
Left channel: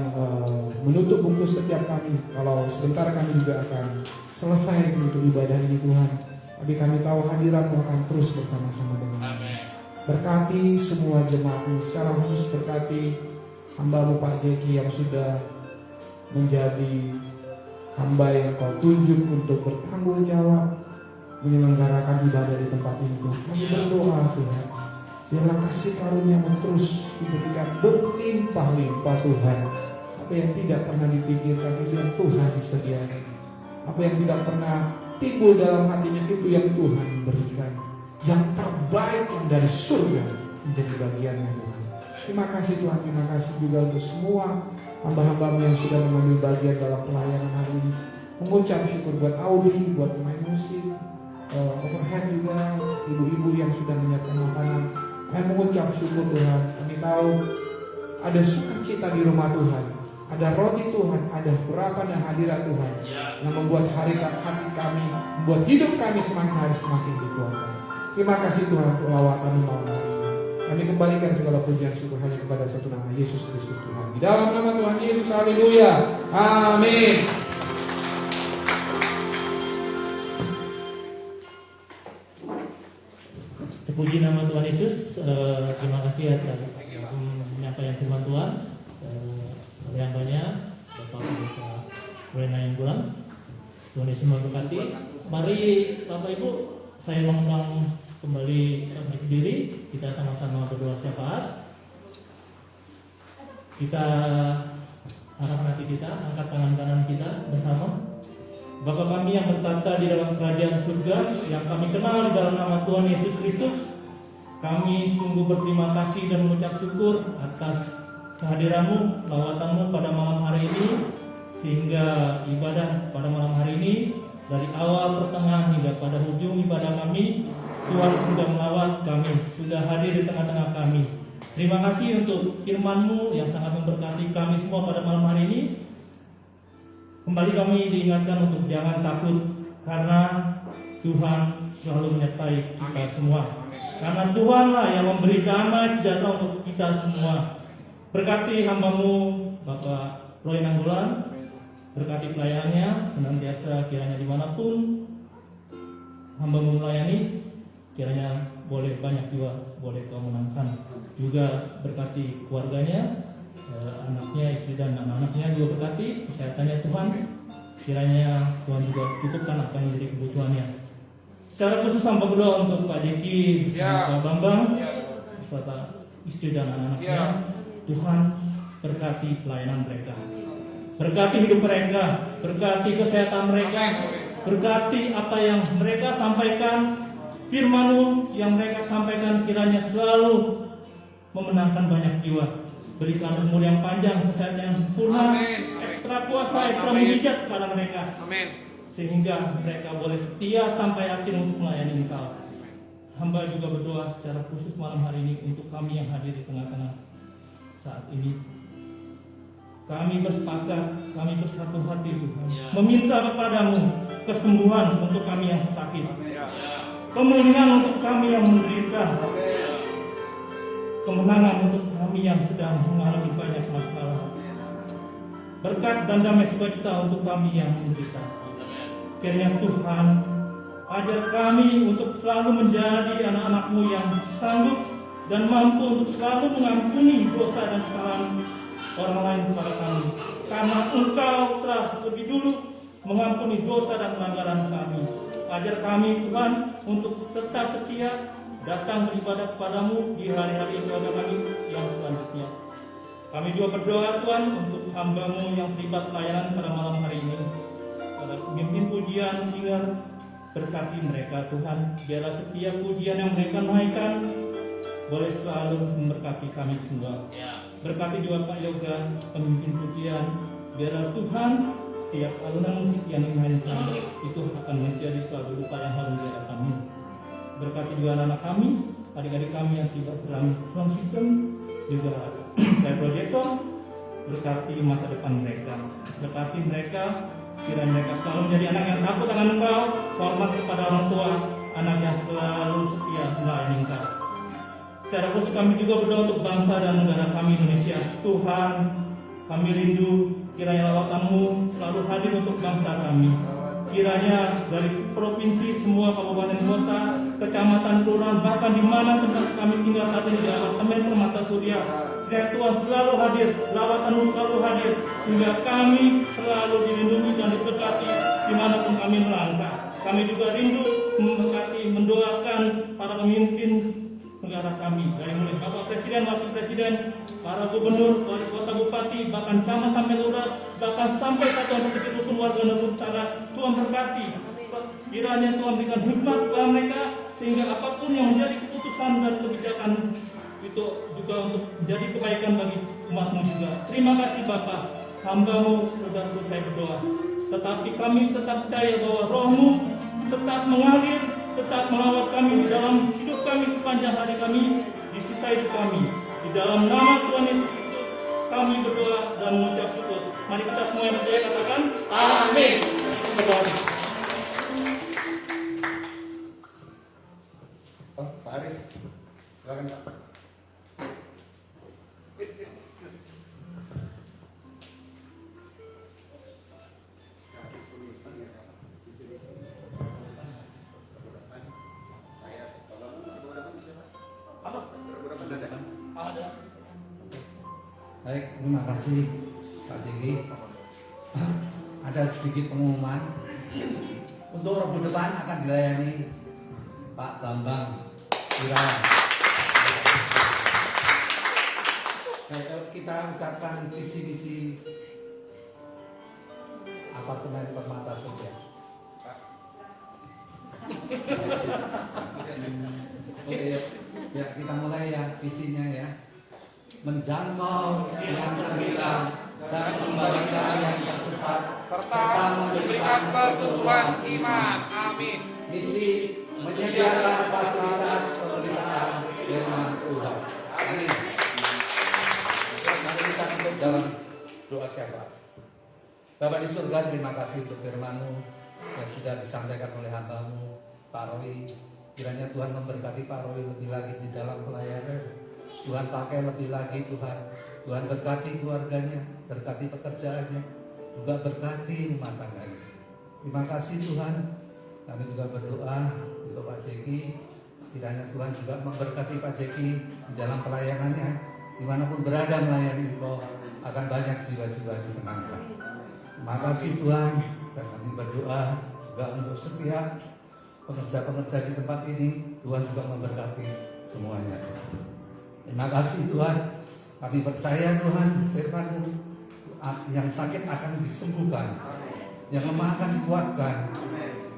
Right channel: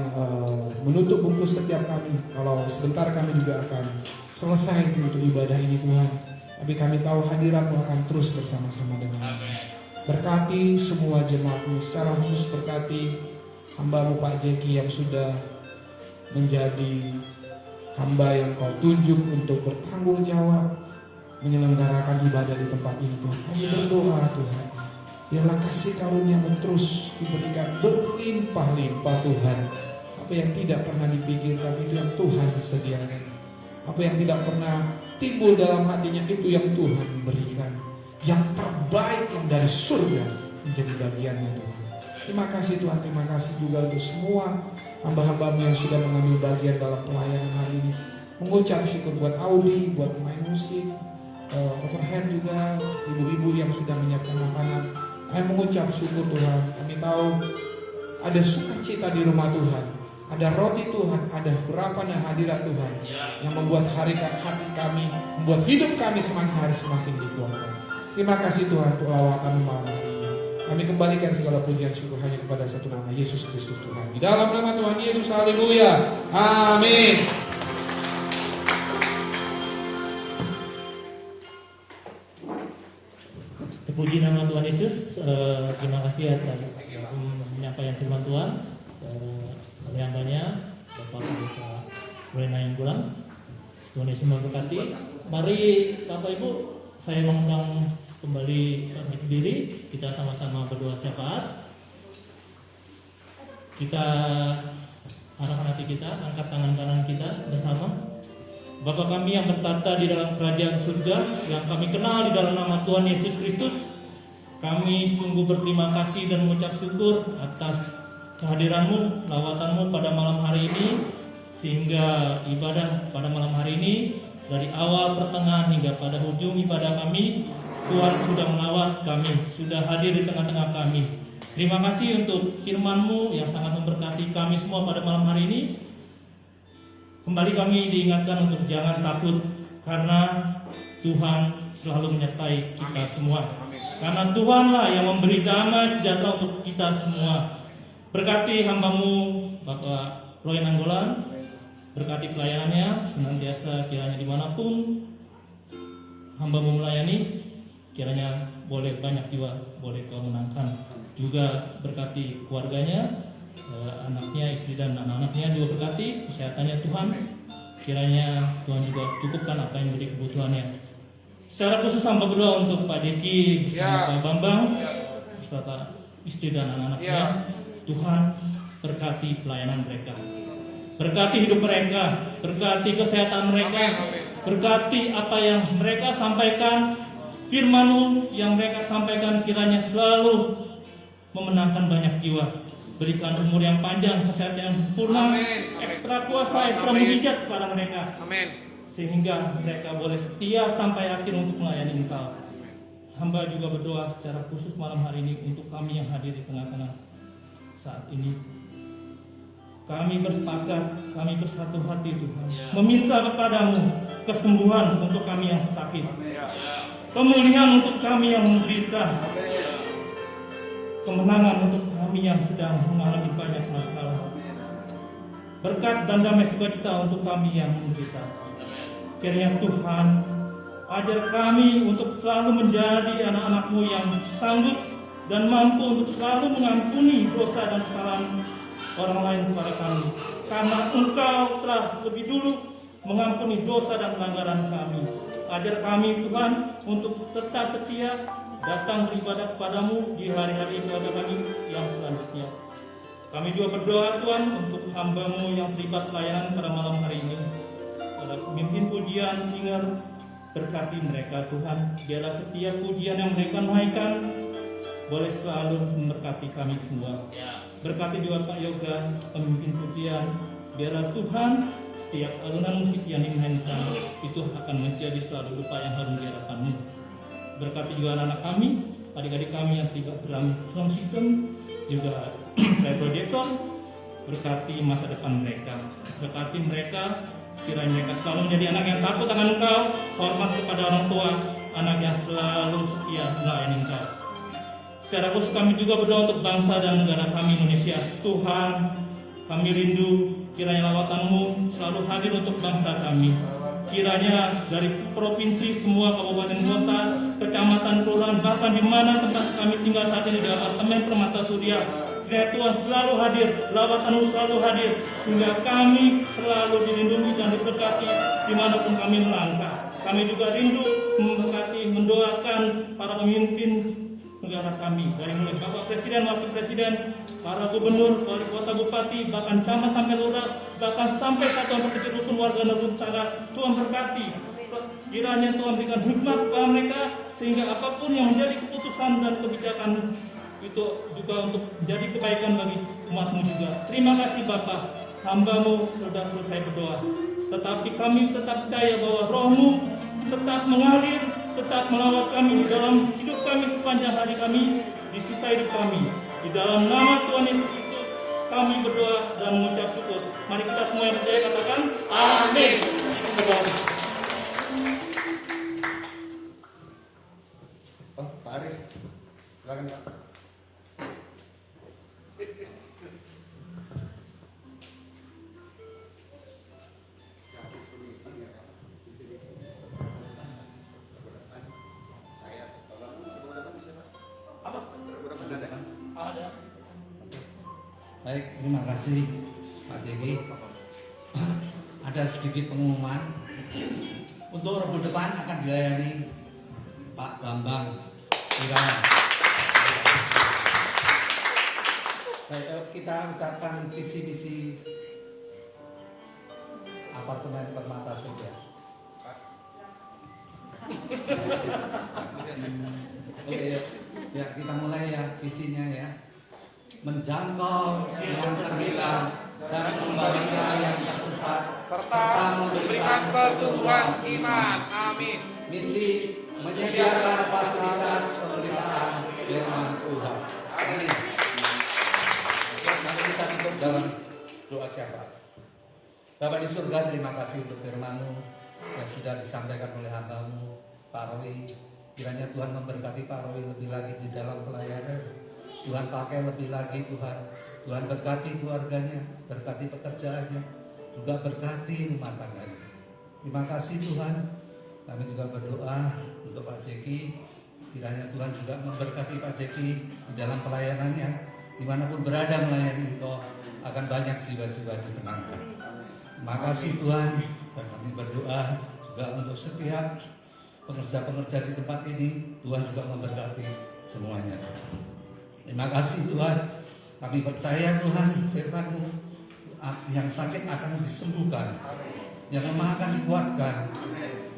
menutup bungkus setiap kami. Kalau sebentar kami juga akan selesai untuk ibadah ini Tuhan, tapi kami tahu hadirat-Mu akan terus bersama-sama dengan kami. Berkati semua jemaat-Mu, secara khusus berkati hamba-Mu Pak Jeki yang sudah menjadi hamba yang Kau tunjuk untuk bertanggung jawab menyelenggarakan ibadah di tempat ini Tuhan. Kami berdoa Tuhan, biarlah kasih karunia-Mu terus diberikan berlimpah-limpah Tuhan. Apa yang tidak pernah dipikirkan itu yang Tuhan disediakan. Apa yang tidak pernah timbul dalam hatinya itu yang Tuhan berikan. Yang terbaik yang dari surga menjadi bagiannya Tuhan. Terima kasih Tuhan, terima kasih juga untuk semua hamba-hamba-Mu yang sudah mengambil bagian dalam pelayanan hari ini. Mengucap syukur buat Audi, buat pemain musik, overhead juga, ibu-ibu yang sudah menyiapkan makanan. Kami mengucap syukur Tuhan. Kami tahu ada sukacita di rumah Tuhan, ada roti Tuhan, ada harapan dan hadirat Tuhan yang membuat hati kami, membuat hidup kami semakin hari semakin dikuatkan. Terima kasih Tuhan untuk lawatan malam hari ini. Kami kembalikan segala pujian syukur hanya kepada satu nama, Yesus Kristus Tuhan. Di dalam nama Tuhan Yesus, haleluya, amin. Puji nama Tuhan Yesus. Terima kasih atas penyampaian firman Tuhan oleh hambanya Bapak Pendeta Wena yang kurang. Tuhan Yesus memberkati. Mari Bapak Ibu, saya mengundang kembali berdiri. Kita sama-sama berdoa syafaat. Kita arahkan hati kita, angkat tangan kanan kita bersama. Bapa kami yang bertata di dalam kerajaan surga, yang kami kenal di dalam nama Tuhan Yesus Kristus, kami sungguh berterima kasih dan mengucap syukur atas kehadiran-Mu, lawatan-Mu pada malam hari ini, sehingga ibadah pada malam hari ini dari awal pertengahan hingga pada ujung ibadah kami, Tuhan sudah melawat kami, sudah hadir di tengah-tengah kami. Terima kasih untuk firman-Mu yang sangat memberkati kami semua pada malam hari ini. Kembali kami diingatkan untuk jangan takut, karena Tuhan selalu menyertai kita semua. Karena Tuhanlah yang memberi damai sejahtera untuk kita semua. Berkati hamba-Mu Bapak Roy Nanggolan, berkati pelayanannya senantiasa kiranya dimanapun hamba-Mu melayani, kiranya boleh banyak jiwa, boleh Kau menangkan. Juga berkati keluarganya, anaknya, istri dan anak-anaknya juga berkati kesehatannya Tuhan. Kiranya Tuhan juga cukupkan apa yang menjadi kebutuhannya. Secara khusus hamba berdoa untuk Pak Deki bersama Pak Bambang beserta istri dan anak-anaknya. Tuhan berkati pelayanan mereka, berkati hidup mereka, berkati kesehatan mereka, berkati apa yang mereka sampaikan, firman-Mu yang mereka sampaikan kiranya selalu memenangkan banyak jiwa. Berikan umur yang panjang, kesehatan yang sempurna, ekstra kuasa, ekstra mujizat kepada mereka, sehingga mereka boleh setia sampai akhir untuk melayani Engkau. Hamba juga berdoa secara khusus malam hari ini untuk kami yang hadir di tengah-tengah saat ini. Kami bersepakat, kami bersatu hati Tuhan, meminta kepadamu kesembuhan untuk kami yang sakit, pemulihan untuk kami yang menderita, kemenangan untuk kami yang sedang mengalami banyak masalah, berkat dan damai sukacita untuk kami yang menderita. Kiranya Tuhan ajar kami untuk selalu menjadi anak-anak-Mu yang sanggup dan mampu untuk selalu mengampuni dosa dan kesalahan orang lain kepada kami, karena Engkau telah lebih dulu mengampuni dosa dan pelanggaran kami. Ajar kami Tuhan untuk tetap setia datang beribadah kepadamu di hari-hari ibadah kami yang selanjutnya. Kami juga berdoa Tuhan untuk hamba-Mu yang terlibat pelayanan pada malam hari ini, pada pemimpin pujian, singer, berkati mereka Tuhan. Biarlah setiap pujian yang mereka naikkan boleh selalu memberkati kami semua. Berkati juga Pak Yoga, pemimpin pujian. Biarlah Tuhan setiap alunan musik yang dimainkan itu akan menjadi selalu rupa yang harum di hadapan-Mu. Berkati juga anak-anak kami, adik-adik kami yang terlibat dalam sound system, juga dari proyektor. Berkati masa depan mereka, berkati mereka, kiranya mereka selalu menjadi anak yang takut akan Engkau, hormat kepada orang tua, anak yang selalu setia melayani Engkau. Secara khusus kami juga berdoa untuk bangsa dan negara kami Indonesia. Tuhan, kami rindu kiranya lawatan-Mu selalu hadir untuk bangsa kami. Kiranya dari provinsi, semua kabupaten kota, kecamatan, kelurahan, bahkan di mana tempat kami tinggal saat ini di apartemen Permata Surya, kiranya Tuhan selalu hadir, lawatan-Mu selalu hadir, sehingga kami selalu dilindungi dan diberkati dimanapun kami melangkah. Kami juga rindu memberkati, mendoakan para pemimpin negara kami, dari mulai Bapak Presiden, Wakil Presiden, para gubernur, wali kota, bupati, bahkan camat sampai lurah, bahkan sampai satuan kecil hukum warga Nusantara. Tuhan berkati, kiranya Tuhan berikan hikmat kepada mereka, sehingga apapun yang menjadi keputusan dan kebijakan itu juga untuk menjadi kebaikan bagi umat-Mu juga. Terima kasih Bapak, hamba-Mu sudah selesai berdoa, tetapi kami tetap percaya bahwa Roh-Mu tetap mengalir, tetap melawat kami dalam hidup kami sepanjang hari kami, di sisa hidup kami. Di dalam nama Tuhan Yesus Kristus kami berdoa dan mengucap syukur. Mari kita semua yang percaya katakan amin. Pak Aris, silakan Pak. Saya tolong berdua bisa Pak. Baik, terima kasih Pak Jeki. Ada sedikit pengumuman. Untuk Rabu depan akan dilayani Pak Bambang Irawan. Baik, kita ucapkan visi misi apartemen Permata Surya. Oke, ya kita mulai ya visinya ya. Menjangkau yang terhilang dan kembalikan yang tersesat serta memberikan pertumbuhan iman. Amin. Misi menyediakan fasilitas pemberitaan firman Tuhan. Amin. Mari kita tutup dalam doa syafaat. Bapa di surga, terima kasih untuk firman-Mu yang sudah disampaikan oleh hamba-Mu, Pak Roy. Kiranya Tuhan memberkati Pak Roy lebih lagi di dalam pelayanan. Tuhan pakai lebih lagi Tuhan. Tuhan berkati keluarganya, berkati pekerjaannya, juga berkati rumah tangganya. Terima kasih Tuhan. Kami juga berdoa untuk Pak Jeki. Kiranya Tuhan juga memberkati Pak Jeki di dalam pelayanannya. Dimanapun berada melayani Engkau, akan banyak jiwa-jiwa dimenangkan. Terima kasih Tuhan. Dan kami berdoa juga untuk setiap pekerja-pekerja di tempat ini. Tuhan juga memberkati semuanya. Terima kasih Tuhan. Kami percaya Tuhan, firman-Mu yang sakit akan disembuhkan, yang lemah akan dikuatkan,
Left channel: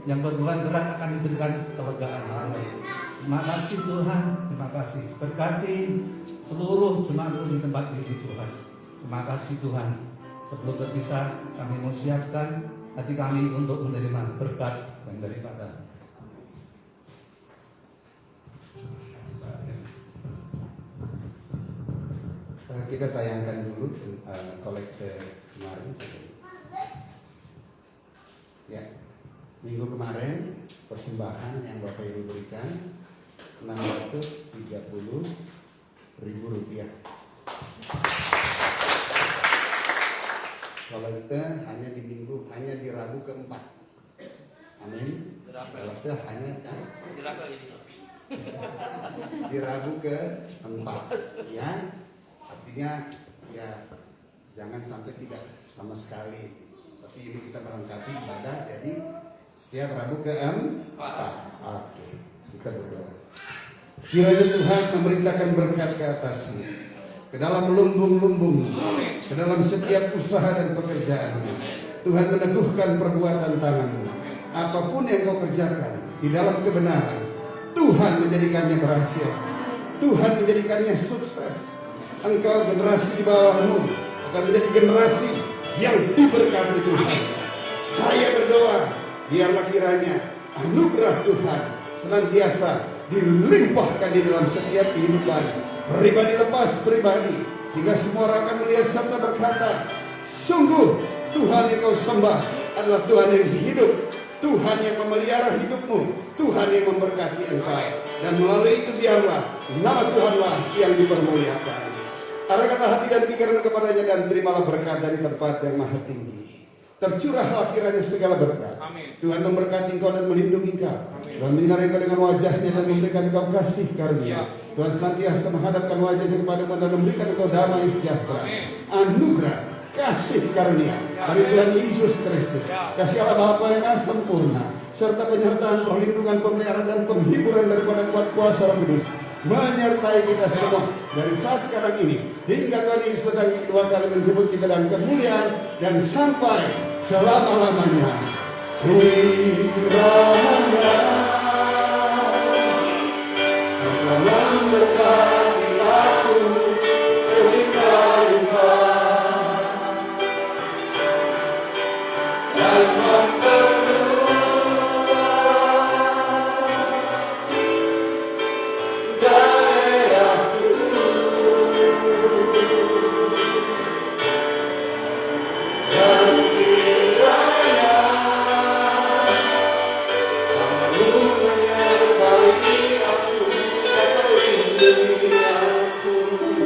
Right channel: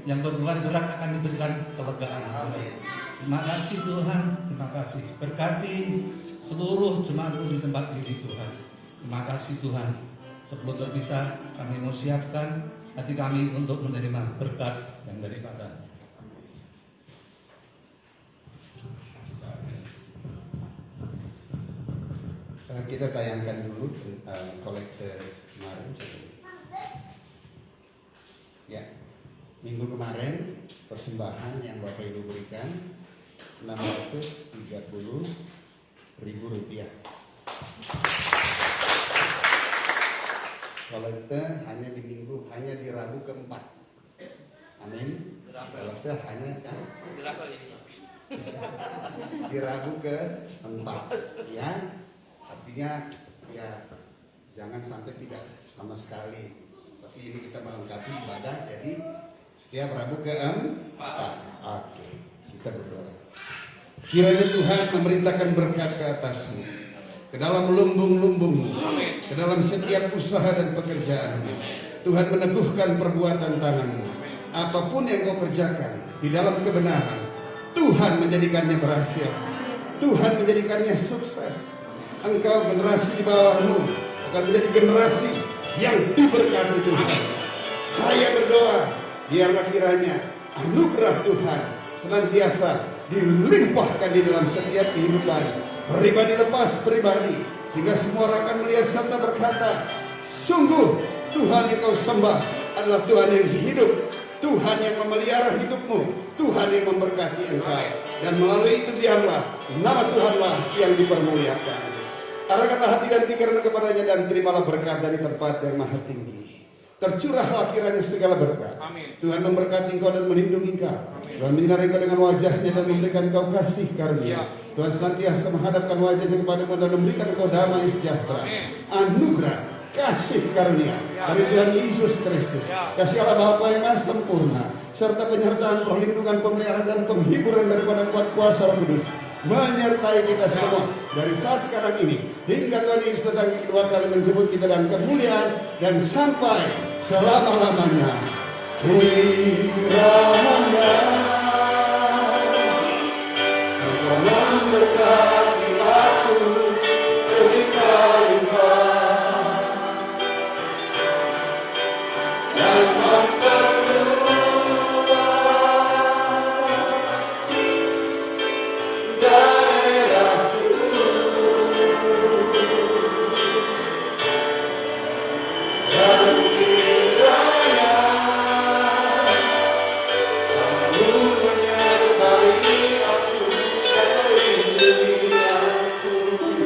yang berbeban berat akan diberikan kelegaan. Terima kasih Tuhan. Terima kasih. Berkati seluruh jemaat-Mu di tempat ini Tuhan. Terima kasih Tuhan. Sebelum berpisah, kami mau siapkan hati kami untuk menerima berkat yang daripada. Kita tayangkan dulu kolektor kemarin. Ya, minggu kemarin persembahan yang Bapak Ibu berikan 630.000 rupiah. Kolektor hanya di minggu, hanya di Rabu keempat. Amin. Kolektor hanya di Rabu keempat. Ya. Artinya ya jangan sampai tidak sama sekali. Tapi ini kita melengkapi ibadah, jadi setiap Rabu keempat. Oke, kita berdoa. Kiranya Tuhan memerintahkan berkat ke atasmu, ke dalam lumbung-lumbung, ke dalam setiap usaha dan pekerjaan. Tuhan meneguhkan perbuatan tanganmu. Apapun yang kau kerjakan di dalam kebenaran, Tuhan menjadikannya berhasil. Tuhan menjadikannya sukses. Engkau generasi di bawahmu akan menjadi generasi yang diberkati Tuhan. Saya berdoa, biarlah kiranya anugerah Tuhan senantiasa dilimpahkan di dalam setiap kehidupan pribadi lepas pribadi, sehingga semua orang akan melihat serta berkata, sungguh Tuhan yang kau sembah adalah Tuhan yang hidup, Tuhan yang memelihara hidupmu, Tuhan yang memberkati engkau, dan melalui itu biarlah nama Tuhanlah yang dipermuliakan. Arahkanlah hati dan pikiran kepadanya dan terimalah berkat dari tempat yang maha tinggi. Tercurahlah kiranya segala berkat. Amin. Tuhan memberkati engkau dan melindungi engkau. Tuhan menyinari engkau dengan wajahnya dan memberikan engkau kasih karunia. Tuhan senantiasa menghadapkan wajahnya kepadamu dan memberikan engkau damai sejahtera. Anugerah kasih karunia dari Tuhan Yesus Kristus, kasih Allah Bapa yang Maha Sempurna, serta penyertaan, perlindungan, pemeliharaan dan penghiburan daripada kuat kuasa Roh Kudus menyertai kita semua dari saat sekarang ini hingga Tuhan Yesus datang kedua kali menjemput kita dalam kemuliaan dan sampai selama-lamanya. Kiranya Engkau memberkati aku, berikan engkau dan menyertai aku, melindungi aku.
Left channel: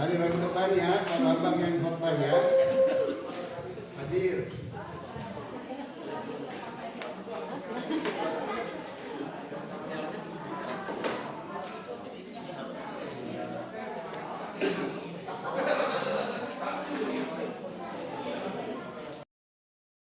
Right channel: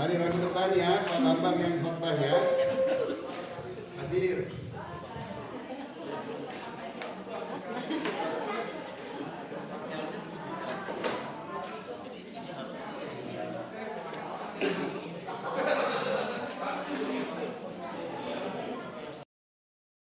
Mari rebukan ya, Pak Bambang yang khotbah ya.